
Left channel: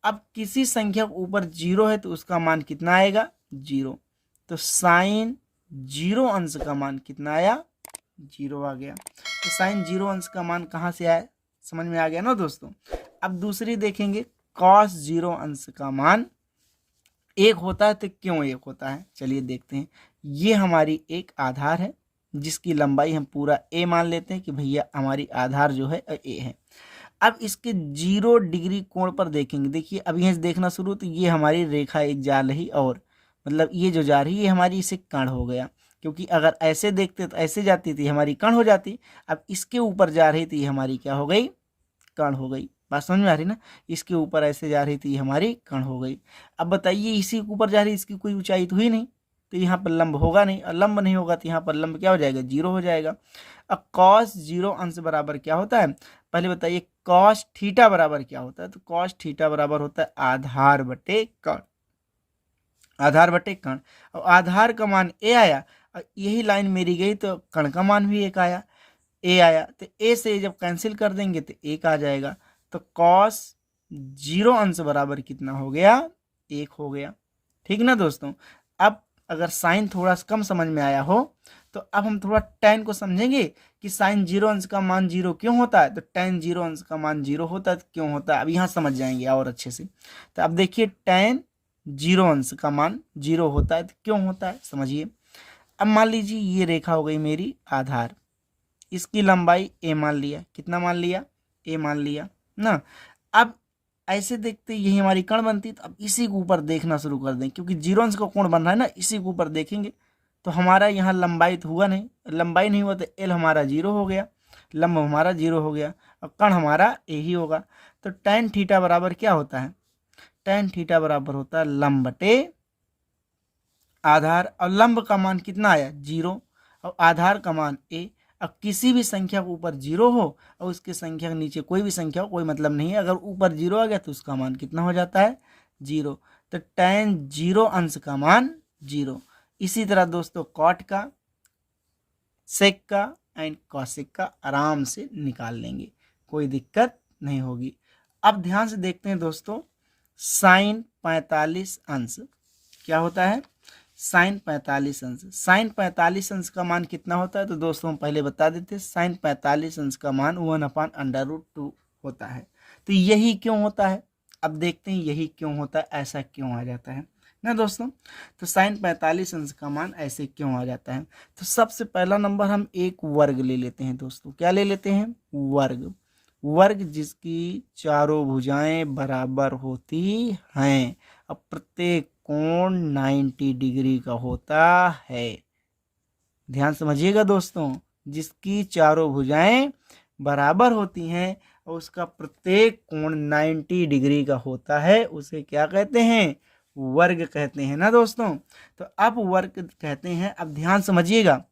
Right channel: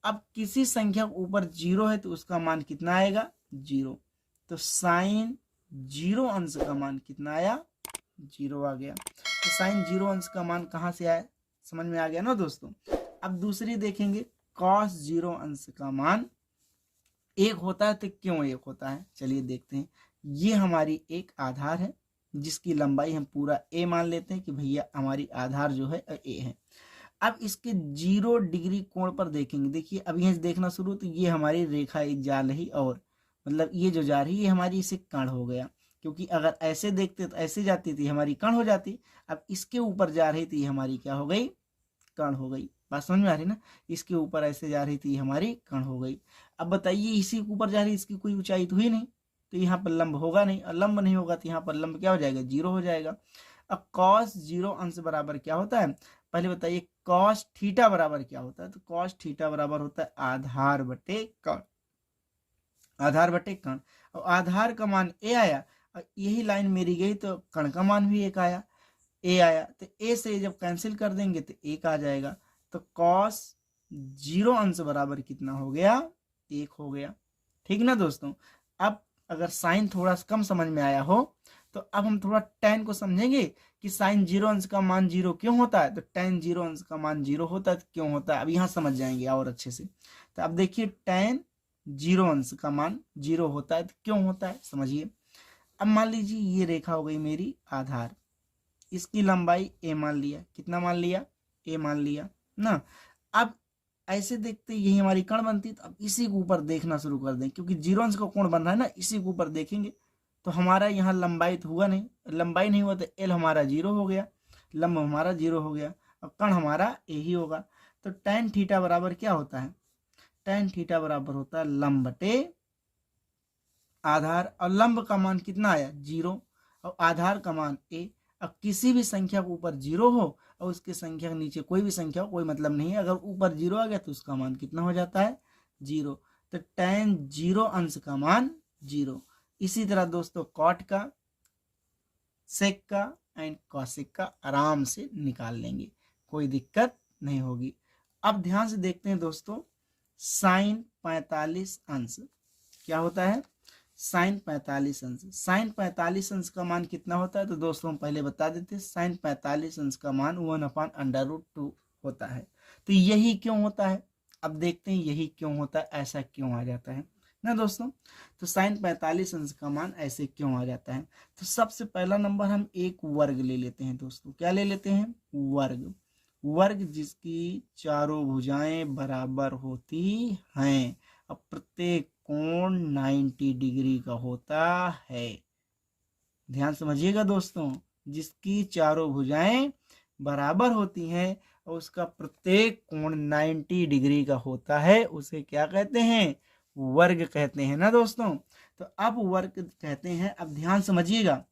अब किसी संख्या के ऊपर 0 है तो उसका मान कितना आएगा 0, तो साइन 0 अंश का मान कितना आया 0 आ गया। तो साइन 0 अंश का मान कहाँ से आया, समझ में आ गया ना दोस्तों। अब दूसरी देखेंगे कॉस 0 अंश का मान 1 होता है, तो क्यों 1 होता है चलिए देखते हैं। ये हमारी एक आधार है जिसकी लंबाई हम पूरा a मान लेते हैं कि भैया हमारी आधार जो है a है। अब इसके 0 डिग्री कोण पर देखेंगे, देखिए अब यहीं से देखना शुरू, तो ये हमारी रेखा एक जा रही और मतलब ये जो जा रही है हमारी इसे कण हो गया, क्योंकि अगर ऐसे देखते तो ऐसे जाती थी हमारी कण हो जाती। अब इसके ऊपर जा रही थी हमारी क्या हो गई कण हो गई, बात समझ में आ रही ना। इसके ऊपर ऐसे जा रही थी हमारी कण हो गई। अब बताइए इसी के ऊपर जा रही, इसकी कोई ऊंचाई तो हुई नहीं, तो यहाँ पर लंब होगा नहीं, और लंब नहीं होगा तो यहाँ पर लंब क्या हो जाएगा 0 हो जाएगा। अब कॉस 0 अंश बराबर क्या होता है, पहले बताइए कॉस थीटा बराबर क्या होता है। तो कॉस थीटा बराबर होता है आधार बटे कण, आधार बटे कण। और आधार का मान a आया, और यही लाइन मेरी गई तो कण का मान भी 1 आया, a आया, तो a से जब कैंसिल कर देंगे तो 1 आ जाएगा। तो कॉस 0 अंश बराबर कितना हो गया 1 हो गया, ठीक ना दोस्तों। अब अगर साइन थोड़ा कम समझ में आया हो तो अब हम थोड़ा tan को समझेंगे कि साइन 0 अंश का मान 0 क्यों होता है, तो tan 0 अंश का मान 0 होता है तो क्यों होता है, अब यहाँ समझ जाएंगे और अच्छे से। तो अब देखिए tan 0 अंश का मान 0 होता है तो क्यों होता है समझिए। अब मान लीजिए ये रेखा हो गई मेरी आधार, इसकी लंबाई a मान लिया, कितना मान लिया a मान लिया ना। अब ऐसे देखते यही हमारी कण बनती, तो अब इसी के ऊपर देखना शुरू कर दें, क्योंकि 0 अंश का कोण बन रहा है ना, इसी के ऊपर देखेंगे। तो हमारा यहाँ लंबाई तो हुआ नहीं, लंबाई नहीं हुआ तो l हमारा 0 हो गया, लंब हमारा 0 हो गया, और कण हमारा a ही होगा। तो tan थीटा बराबर क्या होता है, tan थीटा बराबर होता है लंब बटे आधार, और लंब का मान कितना आया 0 और आधार का मान a। अब किसी भी संख्या के ऊपर 0 हो और उसके संख्या के नीचे कोई भी संख्या हो कोई मतलब नहीं है, अगर ऊपर 0 आ गया तो उसका मान कितना हो जाता है 0। तो tan 0 अंश का मान 0। इसी तरह दोस्तों कॉट का, सेक का एंड कॉसेक का आराम से निकाल लेंगे, कोई दिक्कत नहीं होगी। अब ध्यान से देखते हैं दोस्तों साइन 45 अंश क्या होता है, साइन 45 अंश। साइन 45 अंश का मान कितना होता है, तो दोस्तों हम पहले बता देते हैं साइन 45 अंश का मान 1/√2 होता है। तो यही क्यों होता है, अब देखते हैं यही क्यों होता है, ऐसा क्यों आ जाता है ना दोस्तों। तो साइन 45 अंश का मान ऐसे क्यों आ जाता है, तो सबसे पहला नंबर हम एक वर्ग ले लेते हैं दोस्तों, क्या ले लेते हैं वर्ग, वर्ग जिसकी चारों भुजाएं बराबर होती हैं, अब प्रत्येक कोण 90 डिग्री का होता है। ध्यान समझिएगा दोस्तों, जिसकी चारों भुजाएं बराबर होती हैं और उसका प्रत्येक कोण 90 डिग्री का होता है, उसे क्या कहते हैं वर्ग कहते हैं ना दोस्तों। तो अब वर्ग कहते हैं, अब ध्यान समझिएगा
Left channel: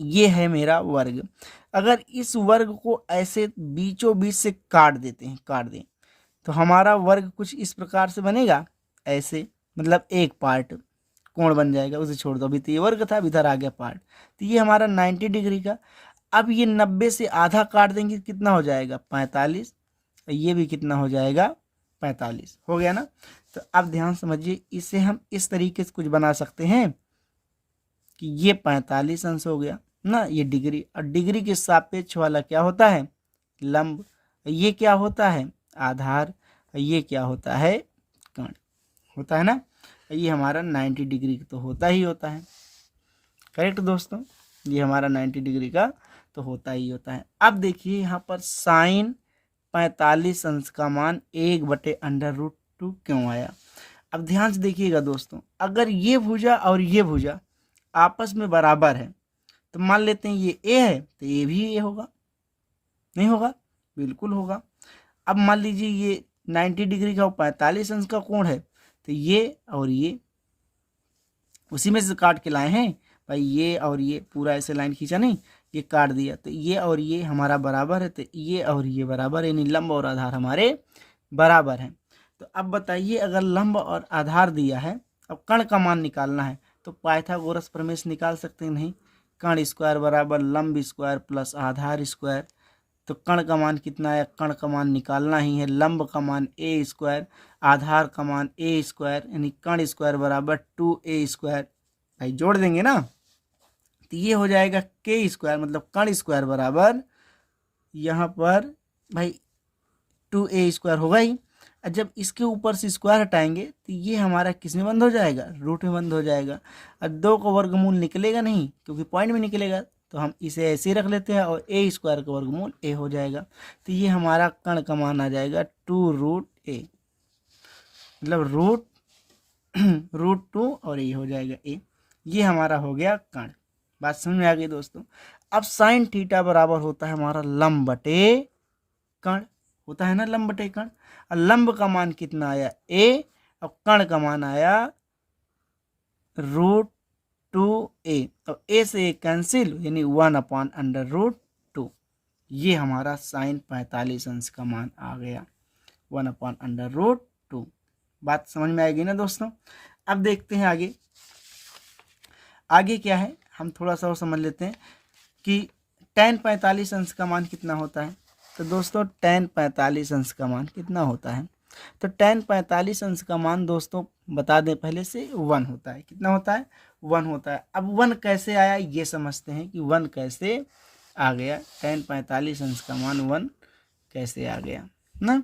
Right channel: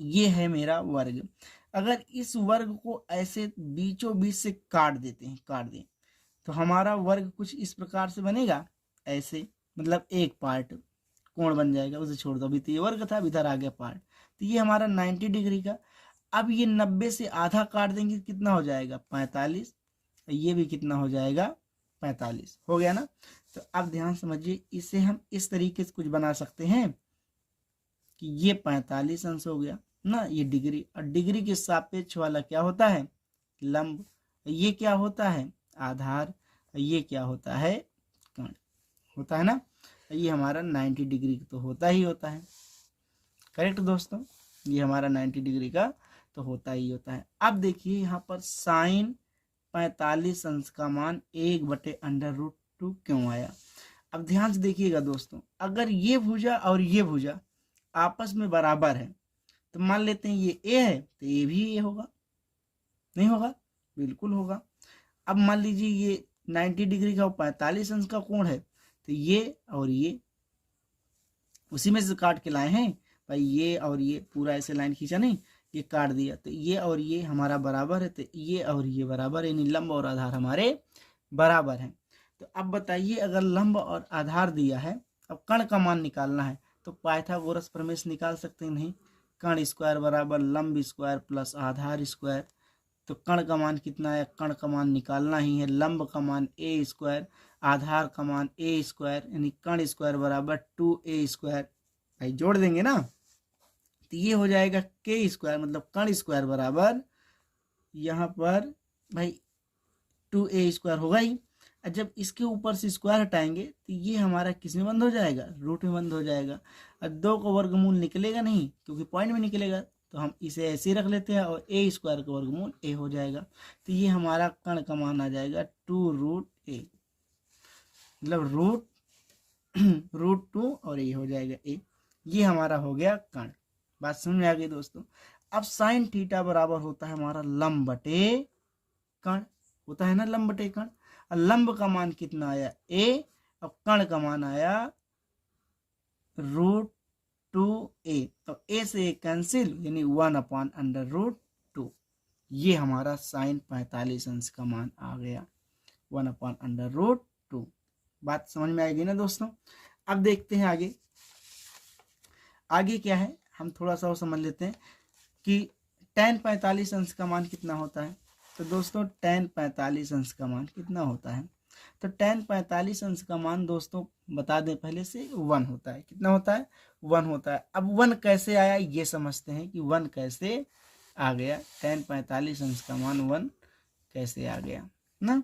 ये है मेरा वर्ग। अगर इस वर्ग को ऐसे बीचों बीच से काट देते हैं, काट दें, तो हमारा वर्ग कुछ इस प्रकार से बनेगा, ऐसे मतलब एक पार्ट कोण बन जाएगा, उसे छोड़ दो, अभी तो ये वर्ग था, इधर आ गया पार्ट, तो ये हमारा 90 डिग्री का। अब ये 90 से आधा काट देंगे कितना हो जाएगा 45, ये भी कितना हो जाएगा 45 हो गया ना। तो अब ध्यान समझिए इसे हम इस तरीके से कुछ बना सकते हैं कि ये 45 अंश हो गया ना, ये डिग्री, और डिग्री के सापेक्ष वाला क्या होता है लंब, ये क्या होता है आधार, ये क्या होता है कण होता है ना। ये हमारा 90 डिग्री तो होता ही होता है, करेक्ट दोस्तों, ये हमारा 90 डिग्री का तो होता ही होता है। अब देखिए यहाँ पर साइन 45 अंश का मान 1/√2 क्यों आया। अब ध्यान से देखिएगा दोस्तों, अगर ये भुजा और ये भुजा आपस में बराबर है तो मान लेते हैं ये ए है तो ये भी ए होगा, नहीं होगा बिल्कुल होगा। अब मान लीजिए ये 90 डिग्री का 45 अंश का कोण है, तो ये और ये उसी में से काट के लाए हैं भाई, ये और ये पूरा ऐसे लाइन खींचा नहीं, ये काट दिया, तो ये और ये हमारा बराबर है, तो ये और ये बराबर है, यानी लंब और आधार हमारे बराबर हैं। तो अब बताइए, अगर लंब और आधार दिया है, अब कण का मान निकालना है, तो पाइथागोरस प्रमेय निकाल सकते हैं नहीं? कण स्क्वायर बराबर लंब स्क्वायर प्लस आधार स्क्वायर। तो कण का मान कितना है? कण का मान निकालना ही है, लंब का मान ए स्क्वायर, आधार का मान ए स्क्वायर, यानी कण स्क्वायर बराबर 2a स्क्वायर। भाई जोड़ देंगे ना, तो ये हो जाएगा के स्क्वायर, मतलब कण स्क्वायर बराबर यहाँ पर भाई 2a स्क्वायर होगा ही। और जब इसके ऊपर से स्क्वायर हटाएंगे तो ये हमारा किस में बंद हो जाएगा? रूट में बंद हो जाएगा। और 2 का वर्गमूल निकलेगा नहीं, क्योंकि पॉइंट में निकलेगा, तो हम इसे ऐसे ही रख लेते हैं और ए स्क्वायर का वर्गमूल ए हो जाएगा। तो ये हमारा कण का मान आ जाएगा 2√a, मतलब रूट 2 और ये हो जाएगा ए। ये हमारा हो गया कण। बात समझ में आ गई दोस्तों? अब साइन थीटा बराबर होता है हमारा लंब बटे कण, होता है ना लंब बटे कण। और लंब का मान कितना आया? ए, और कण का मान आया √2a, और ए से कैंसिल, यानी 1/√2। ये हमारा साइन 45 अंश का मान आ गया, 1/√2। बात समझ में आएगी ना दोस्तों? अब देखते हैं आगे, आगे क्या है, हम थोड़ा सा और समझ लेते हैं कि tan 45 अंश का मान कितना होता है। तो दोस्तों tan 45 अंश का मान कितना होता है? तो tan 45 अंश का मान दोस्तों बता दें पहले से 1 होता है। कितना होता है? 1 होता है। अब 1 कैसे आया ये समझते हैं कि 1 कैसे आ गया, tan 45 अंश का मान 1 कैसे आ गया ना।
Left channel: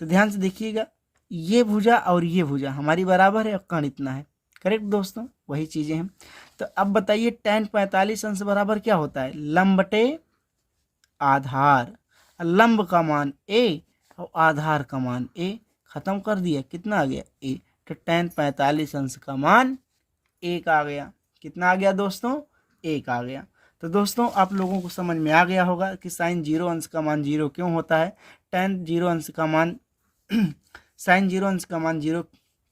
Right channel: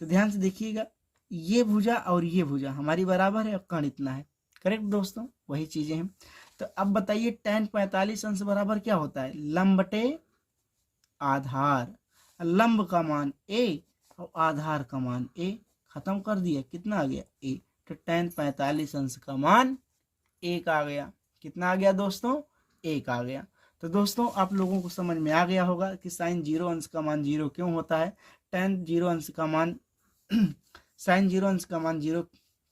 तो ध्यान से देखिएगा, ये भुजा और ये भुजा हमारी बराबर है और कण इतना है, करेक्ट दोस्तों? वही चीजें हैं। तो अब बताइए tan 45 अंश बराबर क्या होता है? लंब बटे आधार। लंब का मान a और आधार का मान a, खत्म कर दिया, कितना आ गया? a। तो tan 45 अंश का मान 1 आ गया। कितना आ गया दोस्तों? 1 आ गया। तो दोस्तों आप लोगों को समझ में आ गया होगा कि साइन 0 अंश का मान 0 क्यों होता है, tan 0 अंश का मान साइन 0 अंश का मान 0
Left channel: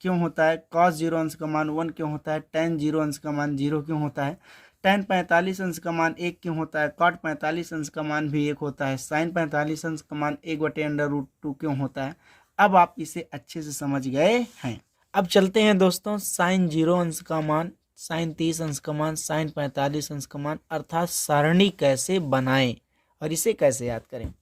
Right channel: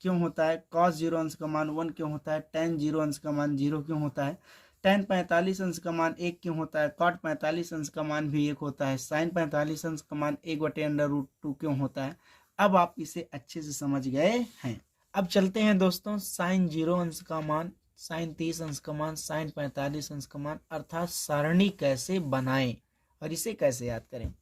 क्यों होता है, cos 0 अंश का मान 1 क्यों होता है, tan 0 अंश का मान 0 क्यों होता है, tan 45 अंश का मान 1 क्यों होता है, cot 45 अंश का मान भी 1 होता है, sin 45 अंश का मान 1/√2 क्यों होता है। अब आप इसे अच्छे से समझ गए हैं। अब चलते हैं दोस्तों, साइन 0 अंश का मान, साइन 30 अंश का मान, साइन 45 अंश का मान, अर्थात सारणी कैसे बनाएं और इसे कैसे याद करें।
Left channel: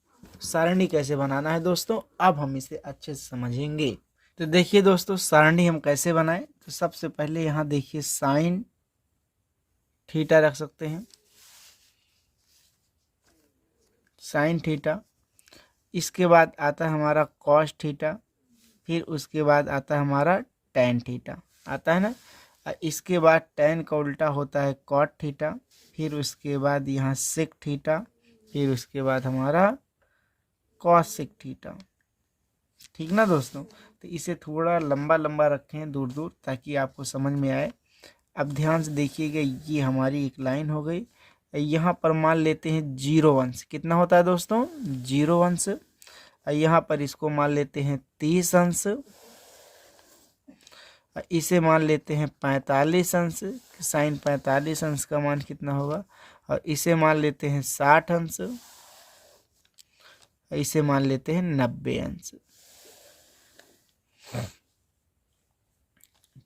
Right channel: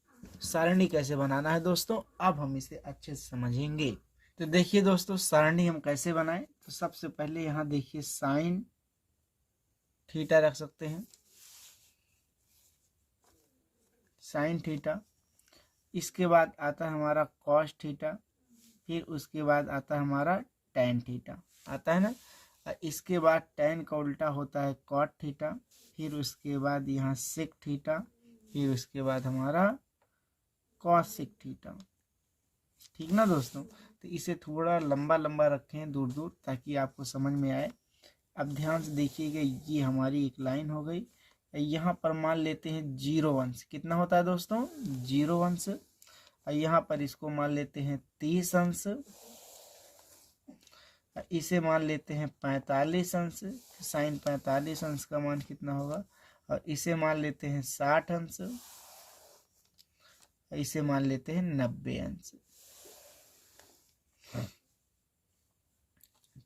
सारणी कैसे बनाना है दोस्तों, अब हम इसे अच्छे से समझेंगे। तो देखिए दोस्तों, सारणी हम कैसे बनाएं। तो सबसे पहले यहाँ देखिए साइन थीटा रख सकते हैं, साइन थीटा। इसके बाद आता है हमारा कॉस थीटा, फिर उसके बाद आता है हमारा टैन थीटा, आता है ना। इसके बाद टैन का उल्टा होता है कॉट थीटा, फिर उसके बाद यहाँ सेक थीटा, फिर उसके बाद हमारा कॉस सेक थीटा। ठीक ना दोस्तों? तो इसे थोड़ा लंबा लंबा रखें दूर दूर, ताकि आपको समझ में आए। अब ध्यान से देखिएगा, ये हमारी एक लाइन हो गई। यहाँ पर मान लेते हैं 0 अंश, कितना होता है दोस्तों? 0 अंश। यहाँ पर इसको मान लेते हैं 30 अंश, इसे मान लेते हैं 45 अंश, साइन 45 अंश का मान कितना होगा, और इसे मान लेते हैं 60 अंश, इसे मान लेते हैं 90 अंश।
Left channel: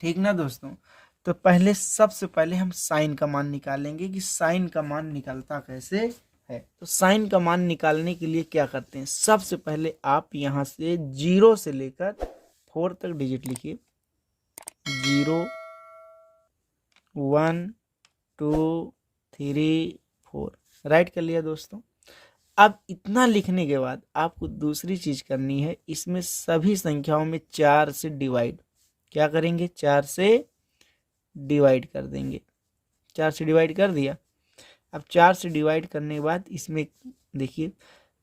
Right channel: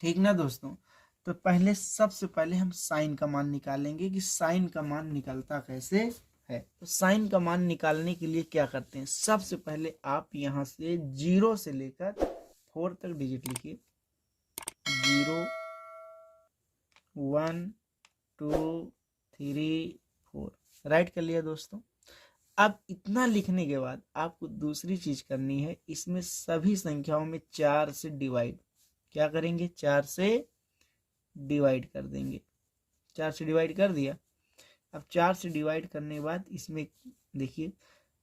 ठीक ना दोस्तों? तो पहले सबसे पहले हम साइन का मान निकालेंगे कि साइन का मान निकलता कैसे है। तो साइन का मान निकालने के लिए क्या करते हैं, सबसे पहले आप यहाँ से 0 से लेकर 4 तक डिजिट लिखिए। 0 1 2 3 4, राइट कर लिया दोस्तों। अब इतना लिखने के बाद आपको दूसरी चीज करनी है, इसमें सभी संख्याओं में 4 से डिवाइड, क्या करेंगे? 4 से डिवाइड कर देंगे। 4 से डिवाइड कर दिया। अब 4 से डिवाइड करने के बाद इसमें देखिए,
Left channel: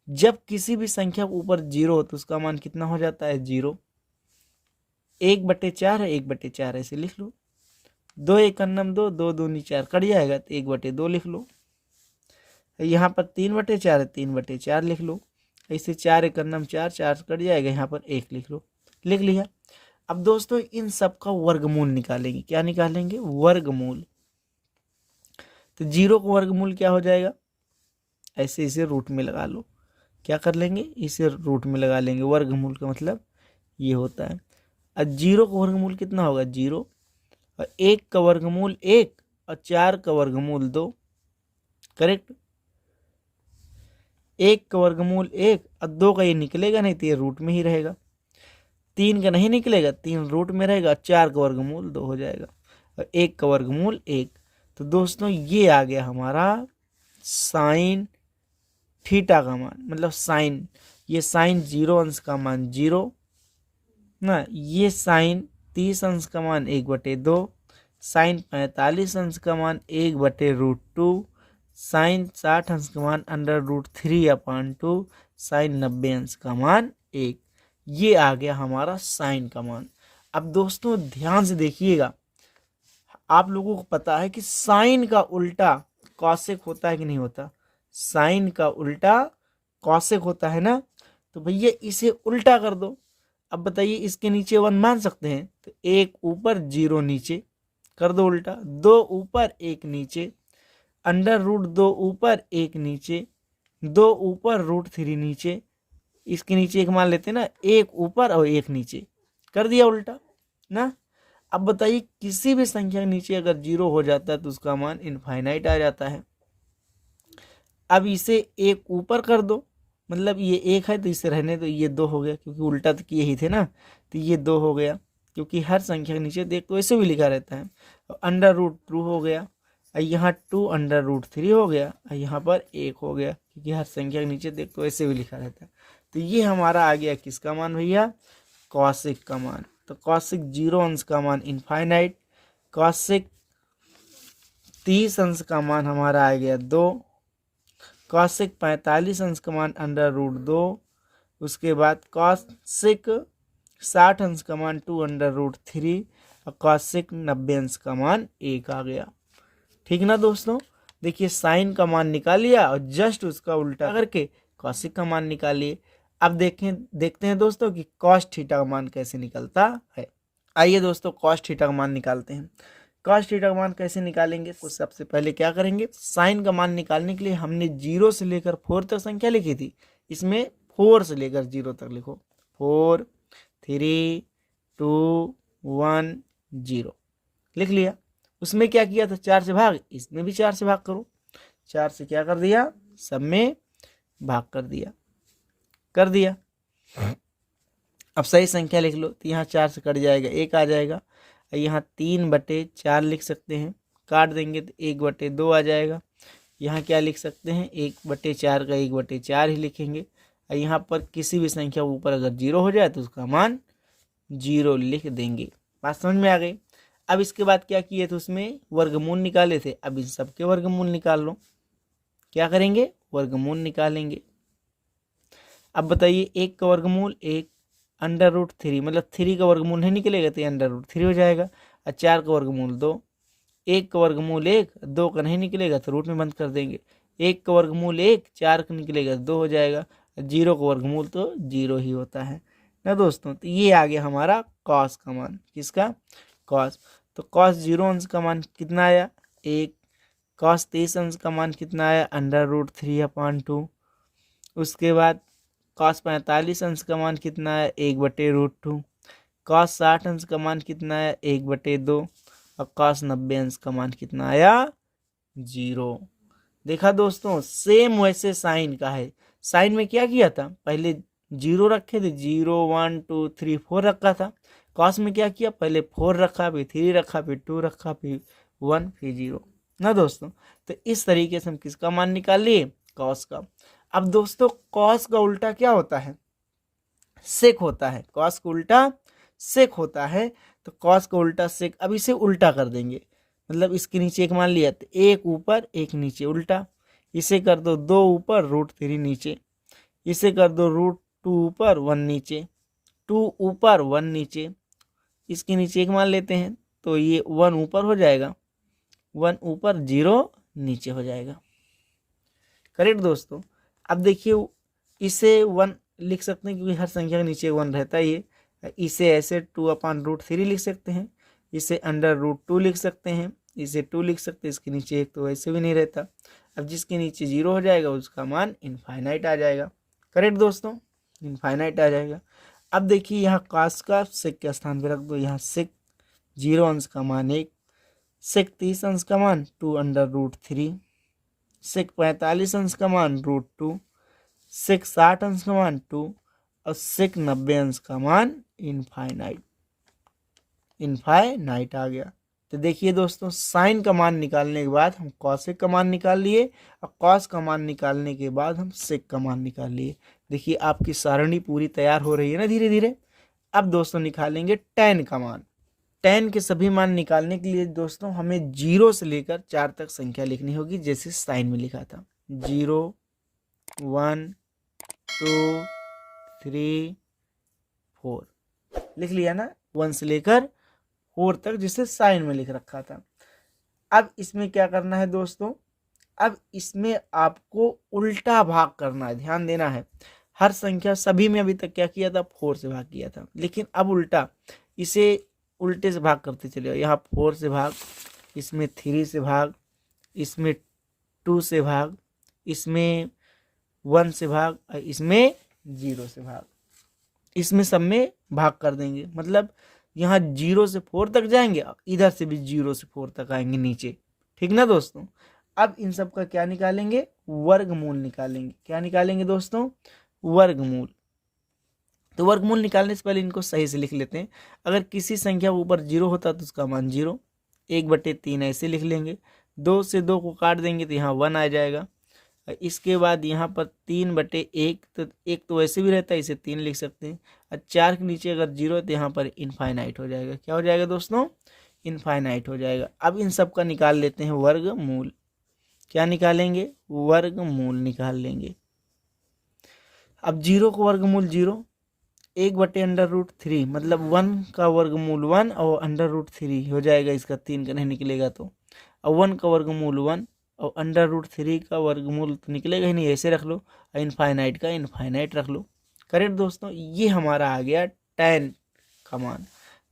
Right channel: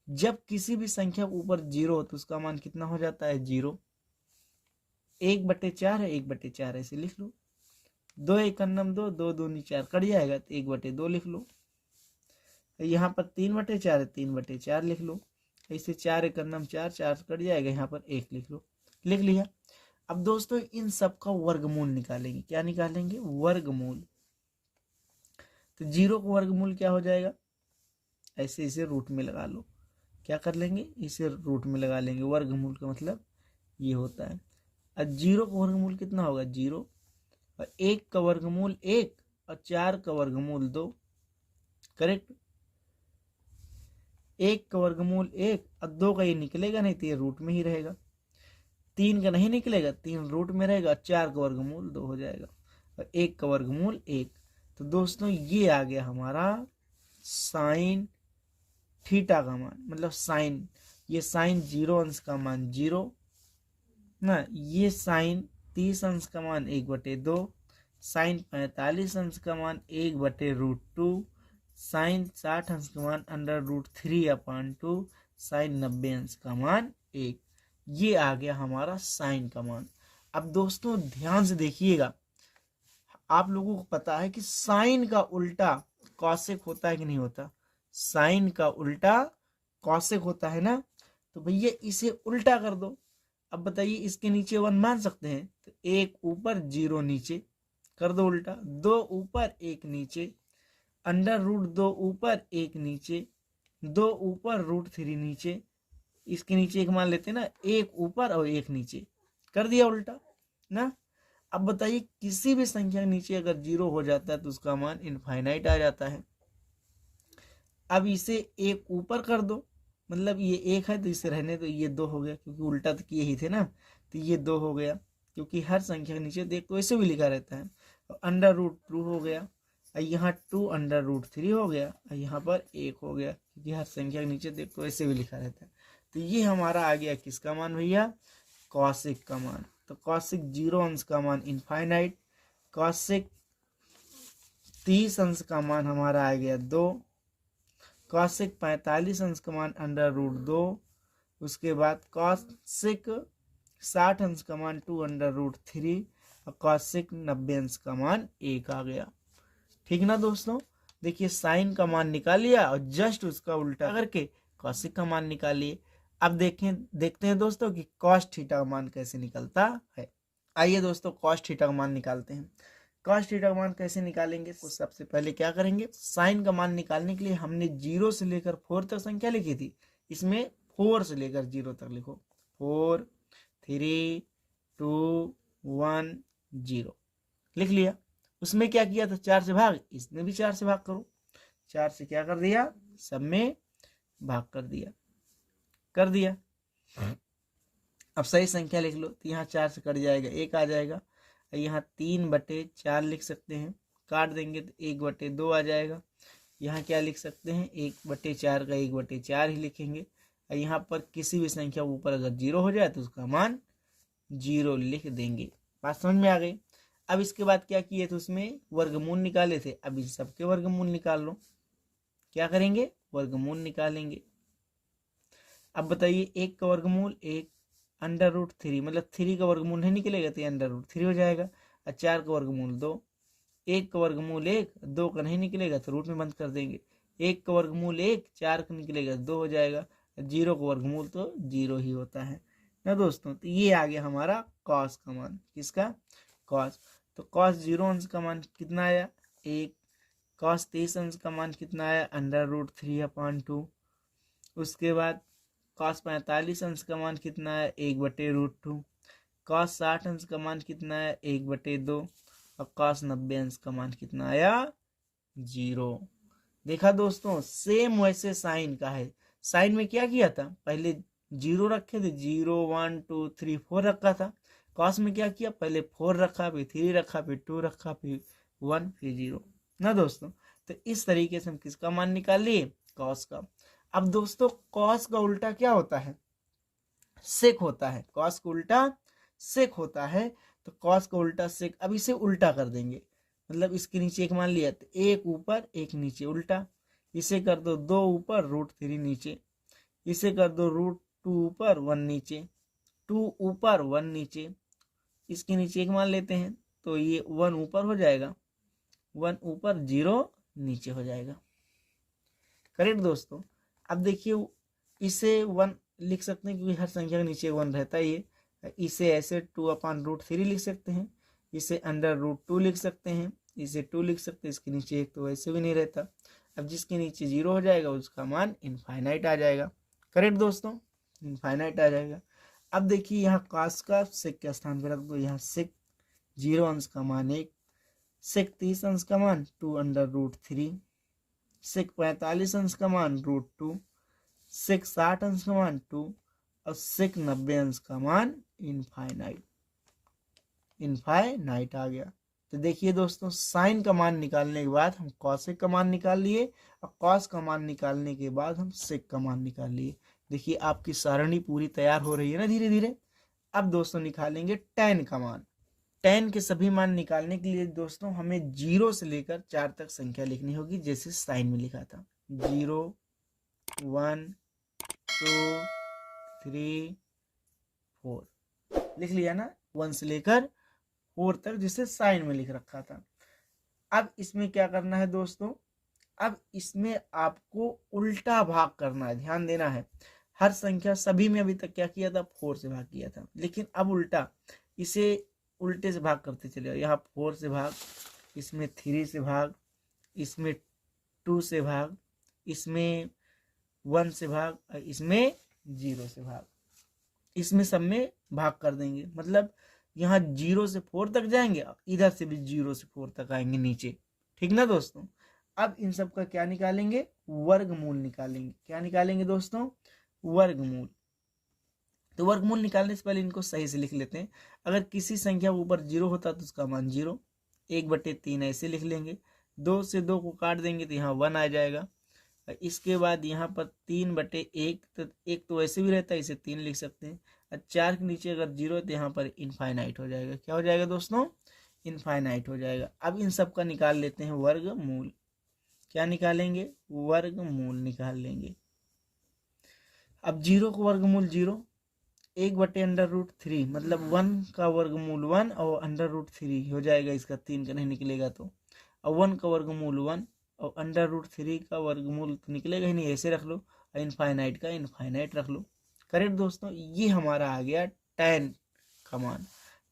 जब किसी भी संख्या के ऊपर 0 हो तो उसका मान कितना हो जाता है? 0। 1/4 है, 1/4 ऐसे लिख लो। 2 1 2, 2 दूनी 4 कट जाएगा, तो 1/2 लिख लो। यहाँ पर 3/4 है, 3/4 लिख लो। ऐसे 4 एक नम 4, 4 कट जाएगा, यहाँ पर 1 लिख लो, लिख लिया। अब दोस्तों इन सब का वर्गमूल निकालेंगे। क्या निकालेंगे? वर्गमूल। तो 0 का वर्गमूल क्या हो जाएगा? ऐसे इसे रूट में लगा लो। क्या कर लेंगे? इसे रूट में लगा लेंगे। वर्गमूल का मतलब ये होता है। अब 0 का वर्गमूल कितना होगा? 0। और 1 का वर्गमूल 1 और 4 का वर्गमूल 2। करेक्ट। 1 का वर्गमूल 1 और 2 का ये निकलेगा नहीं तो ये रूट में ही रहेगा। 3 का नहीं निकलेगा, 3 रूट में रहेगा। 4 का वर्गमूल 2 हो जाएगा और 1 का वर्गमूल 1। तो दोस्तों ये आ गया हमारा साइन थीटा का मान, मतलब साइन, ये साइन 0 अंश का मान 0 ना, ये साइन 30 अंश का मान 1/2, साइन 45 अंश का मान 1/√2, साइन 60 अंश का मान √3/2, साइन 90 अंश का मान 1। ये आ गया हमारा साइन का मान। अब दोस्तों ध्यान से देखिएगा, आप लोगों को पता है कि साइन का उल्टा कॉसेक होता है कि नहीं होता? साइन का उल्टा कॉसेक होता है ना। तो भैया इसे उल्टा कर दो। अब बताइए इसके नीचे 1 मान सकते हैं? तो 1 ऊपर 0 नीचे कर दो उल्टा, 2 ऊपर 1 नीचे, √2 ऊपर 1 नीचे, 2 ऊपर √3 नीचे, इसके नीचे 1 मान लेते हैं ना, 1 ऊपर और 1 नीचे, कर दिया उल्टा ना। अब बताइए किसी भी संख्या के नीचे अगर 0 हो जाता है तो उसका मान इनफाइनाइट आ जाता है। अब इसे 1 ऊपर कर दो, मतलब ये 1 है तो इसे रहने दो, ये 2 हो गया, क्योंकि उल्टा तो किए ही थे ना, तो ये 2 हो गया, क्योंकि हर संख्या के नीचे देख तो ऐसे भी लिखा रहता है। √2 हो गया, और यहाँ 2 √3 हो गया, और यहाँ पर 1 हो गया, क्योंकि हर संख्या के नीचे देख तो ऐसे भी लिखा रहता है। तो ये हमारा आ गया किसका मान भैया? कॉसेक का मान। तो कॉसेक 0 अंश का मान इनफाइनाइट, कॉसेक 30 अंश का मान हमारा आ गया 2, कॉसेक 45 अंश का मान √2, उसके बाद कॉसेक 60 अंश का मान 2 √3, और कॉसेक 90 अंश का मान 1 आ गया। ठीक ना दोस्तों? देखिए साइन का मान निकाल लिया और जस्ट उसका उल्टा करके कॉसेक का मान निकालिए। अब देखते हैं दोस्तों कि कॉस थीटा का मान कैसे निकलता है। आइए दोस्तों कॉस थीटा का मान निकालते हैं। कॉस थीटा का मान कैसे निकालेंगे? तो सबसे पहले क्या करेंगे, साइन का मान निकालने के लिए हमने 0 से लेकर 4 तक संख्या लिखी थी, इसमें 4 से लेकर 0 तक लिखो। 4 3 2 1 0 लिख लिया। उसमें क्या किया था? 4 से भाग, इसमें भी 4 से भाग करो। 4 से क्या कर दिया? सब में भाग कर दिया, कर दिया। अब सही संख्या लिख लो, तो यहाँ 4 से कट जाएगा, 1 आ जाएगा। यहाँ 3/4 लिख सकते हैं, काट देंगे तो 1/2 आ जाएगा। यहाँ क्या लिख सकते हैं? 1/4 का 1/4 ही लिखेंगे। और यहाँ पर किसी भी संख्या ऊपर अगर 0 हो जाए तो उसका मान 0 लिख देंगे। बात समझ में आ गई? अब इसके बाद क्या किए थे? उसमें वर्गमूल निकाले थे। अब इन सबके वर्गमूल निकाल लो। क्या करेंगे? वर्गमूल निकालेंगे। अब बताइए 1 का वर्गमूल 1, √3, मतलब 3 का वर्गमूल नहीं निकलेगा तो √3 हो जाएगा। और 4 का वर्गमूल 2, 1 का वर्गमूल 1, 2 का नहीं निकलेगा तो रूट में बंद कर देंगे। 1 का वर्गमूल 1, 4 का निकलेगा तो 2 हो जाएगा। 0 का वर्गमूल तो 0 ही होता है ना दोस्तों। तो ये आ गया हमारा कॉस का मान। किसका? कॉस। तो कॉस 0 अंश का मान कितना आया? 1। कॉस 23 अंश का मान कितना आया? √3/2। उसके बाद कॉस 45 अंश का मान कितना है? 1/√2। कॉस 60 अंश का मान कितना है? 1/2। और कॉस 90 अंश का मान कितना आया? 0। देखा दोस्तों, सेम वैसे साइन का है। साइन में क्या किया था? पहले 0 रखे थे, 0 1 2 3 4 रखा था। कॉस में क्या किया? पहले 4 रखा, फिर 3 रखा, फिर 2 रखा, फिर 1, फिर 0 ना दोस्तों। तो इस तरीके से हम किसका मान निकाल लिए? कॉस का। अब दोस्तों कॉस का उल्टा क्या होता है? सेक होता है। कॉस का उल्टा सेक होता है। तो कॉस का उल्टा सेक, अब इसे उल्टा कर देंगे, मतलब इसके नीचे 1 मान लिया तो 1 ऊपर 1 नीचे उल्टा। इसे कर दो 2 ऊपर √3 नीचे, इसे कर दो √2 ऊपर 1 नीचे, 2 ऊपर 1 नीचे, इसके नीचे 1 मान लेते हैं तो ये 1 ऊपर हो जाएगा, 1 ऊपर 0 नीचे हो जाएगा। करेक्ट दोस्तों। अब देखिए इसे 1 लिख सकते हैं क्योंकि हर संख्या के नीचे 1 रहता ही है। इसे ऐसे 2/√3 लिख सकते हैं, इसे √2 लिख सकते हैं, इसे 2 लिख सकते हैं, इसके नीचे 1 तो वैसे भी नहीं रहता। अब जिसके नीचे 0 हो जाएगा उसका मान इनफाइनाइट आ जाएगा। करेक्ट दोस्तों, इनफाइनाइट आ जाएगा। अब देखिए यहाँ काश का सेक के स्थान पर रख दो, यहाँ सेक 0 अंश का मान 1, सेक 30 अंश का मान 2/√3, सेक 45 अंश का मान √2, सेक 60 अंश का मान 2 और सेक 90 अंश का मान इनफाइनाइट आ गया। तो देखिए दोस्तों, साइन का मान निकालने के बाद हम कॉसेक का मान निकाल लिए और कॉस का मान निकालने के बाद हम सेक का मान निकाल लिए। देखिए आपकी सारणी पूरी तैयार हो रही है ना धीरे धीरे। अब दोस्तों निकालेंगे tan का मान। tan के सभी मान निकालने के लिए दोस्तों हमें 0 से लेकर 4 तक संख्या लिखनी होगी, जैसे साइन में लिखा था 0 1 2 3 4 लिख लिया ना, 1 से लेकर 4 तक जिसे साइन में लिख रखा था। अब इसमें क्या करना है दोस्तों, अब इसमें आपको उल्टा भाग करना है, ध्यान देना है। हर संख्या सभी में अभी तक क्या किया था, 4 से भाग किया था, लेकिन अब उल्टा, इसे उल्टे से भाग करते चले। यहाँ 4 से भाग, इसमें 3 से भाग, इसमें 2 से भाग, इसमें 1 से भाग, इसमें 0 से भाग, इसमें सब में भाग कर देंगे। मतलब यहाँ 0 से 4 तक जाएंगे, इधर से भी 0 से 4 तक आएंगे नीचे। ठीक ना दोस्तों। अब इन सब का क्या निकालेंगे, वर्गमूल निकालेंगे। क्या निकालेंगे दोस्तों, वर्गमूल। तो वर्गमूल निकालने से पहले इनको सही से लिख लेते हैं। अगर किसी संख्या के ऊपर 0 होता तो उसका मान 0, 1/3 ऐसे लिख लेंगे। 2 से 2 को काट देंगे तो यहाँ 1 आ जाएगा। इसके बाद यहाँ पर 3/1, तो 1 तो वैसे भी रहता है, इसे 3 लिख सकते हैं। और 4 के नीचे अगर 0 है तो यहाँ पर इनफाइनाइट हो जाएगा। क्या हो जाएगा दोस्तों, इनफाइनाइट हो जाएगा। अब इन सब का निकाल लेते हैं वर्गमूल। क्या निकालेंगे, वर्गमूल निकाल लेंगे। अब 0 का वर्गमूल 0, 1/√3 मतलब 1 का वर्गमूल 1 और √3 हो जाएगा, इसका 3 का नहीं निकलेगा तो। और 1 का वर्गमूल 1 और √3 का वर्गमूल तो निकलेगा ही नहीं, ऐसे रख लो। और इनफाइनाइट का इनफाइनाइट रख लो। करेक्ट दोस्तों, ये हमारा आ गया tan का मान।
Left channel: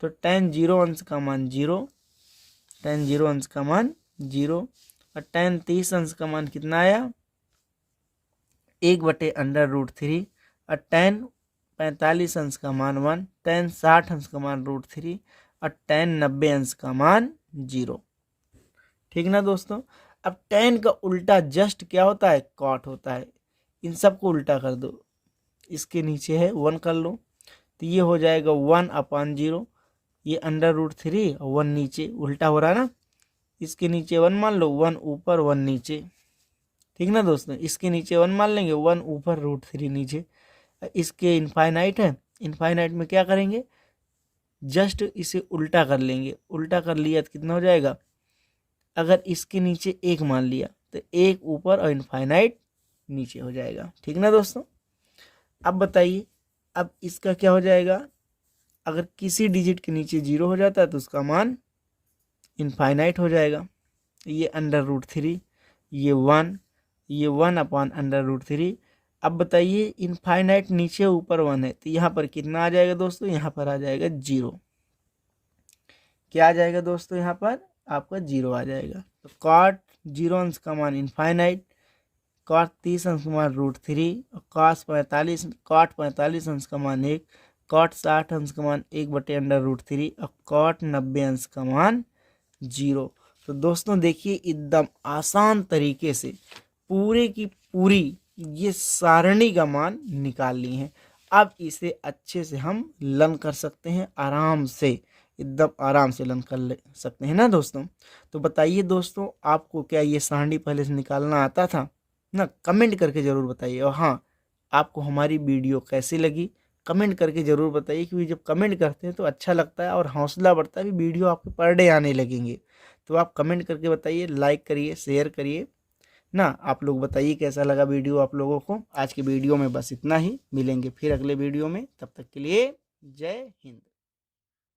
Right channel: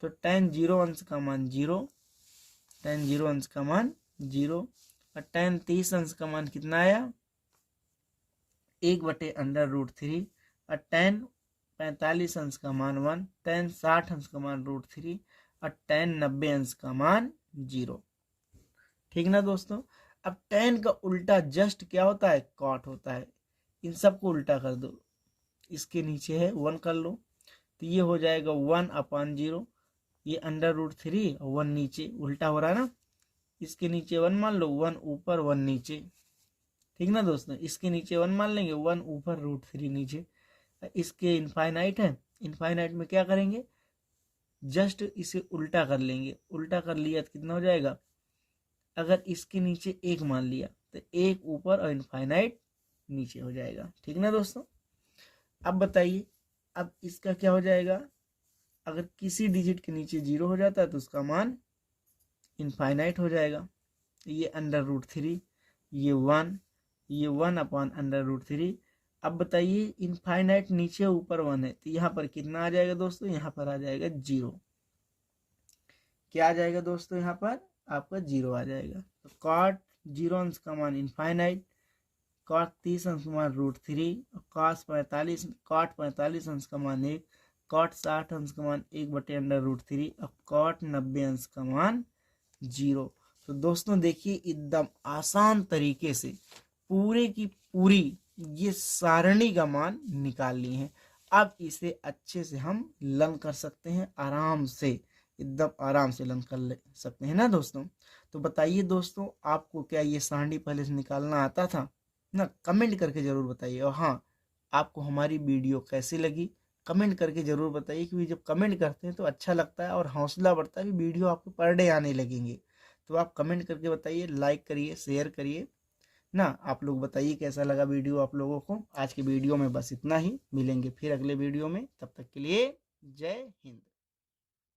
तो tan 0 अंश का मान 0, tan 0 अंश का मान 0, और tan 30 अंश का मान कितना आया, 1/√3, और tan 45 अंश का मान 1, tan 60 अंश का मान √3, और tan 90 अंश का मान 0। ठीक ना दोस्तों। अब tan का उल्टा जस्ट क्या होता है, कॉट होता है। इन सबको उल्टा कर दो, इसके नीचे है 1 कर लो, तो ये हो जाएगा 1/0, ये √3 और 1 नीचे, उल्टा हो रहा है ना। इसके नीचे 1 मान लो, 1 ऊपर 1 नीचे। ठीक ना दोस्तों, इसके नीचे 1 मान लेंगे, 1 ऊपर √3 नीचे। इसके इनफाइनाइट है, इनफाइनाइट में क्या करेंगे, जस्ट इसे उल्टा कर लेंगे। उल्टा कर लिया तो कितना हो जाएगा, अगर इसके नीचे 1 मान लिया तो 1 ऊपर और इनफाइनाइट नीचे हो जाएगा। ठीक ना दोस्तों। अब बताइए, अब इसका क्या हो जाएगा, अगर किसी डिजिट के नीचे 0 हो जाता है तो उसका मान इनफाइनाइट हो जाएगा। ये √3, ये 1, ये 1/√3। अब बताइए, इनफाइनाइट नीचे ऊपर 1 है तो यहाँ पर कितना आ जाएगा दोस्तों, यहाँ पर आ जाएगा 0। क्या आ जाएगा दोस्तों, यहाँ पर आपका 0 आ जाएगा। तो cot 0 अंश का मान इनफाइनाइट, cot 30 अंश का मान √3, cot 45 अंश का मान 1, cot 60 अंश का मान 1/√3 और cot 90 अंश का मान 0। तो दोस्तों देखिए, एकदम आसान तरीके से पूरे की पूरी ये सारणी का मान निकाल ली है। अब इसे अच्छे से हम लर्न कर सकते हैं, आराम से, एकदम आराम से लर्न कर सकते हैं ना दोस्तों। तो बताइए दोस्तों, आपको क्या ये सारणी पहले से निकालना आता था ना, कमेंट करके ज़रूर बताइए। और हाँ, आपको हमारी वीडियो कैसी लगी कमेंट करके ज़रूर बताइए, क्योंकि जब कमेंट करते हैं तो अच्छा लगता है और हौसला बढ़ता है कि वीडियो आपके पर डे आने लगेंगे। तो आप कमेंट करके बताइए, लाइक करिए, शेयर करिए ना। आप लोग बताइए कैसा लगा वीडियो आप लोगों को। आज की वीडियो में बस इतना ही, मिलेंगे फिर अगले वीडियो में, तब तक के लिए जय हिंद।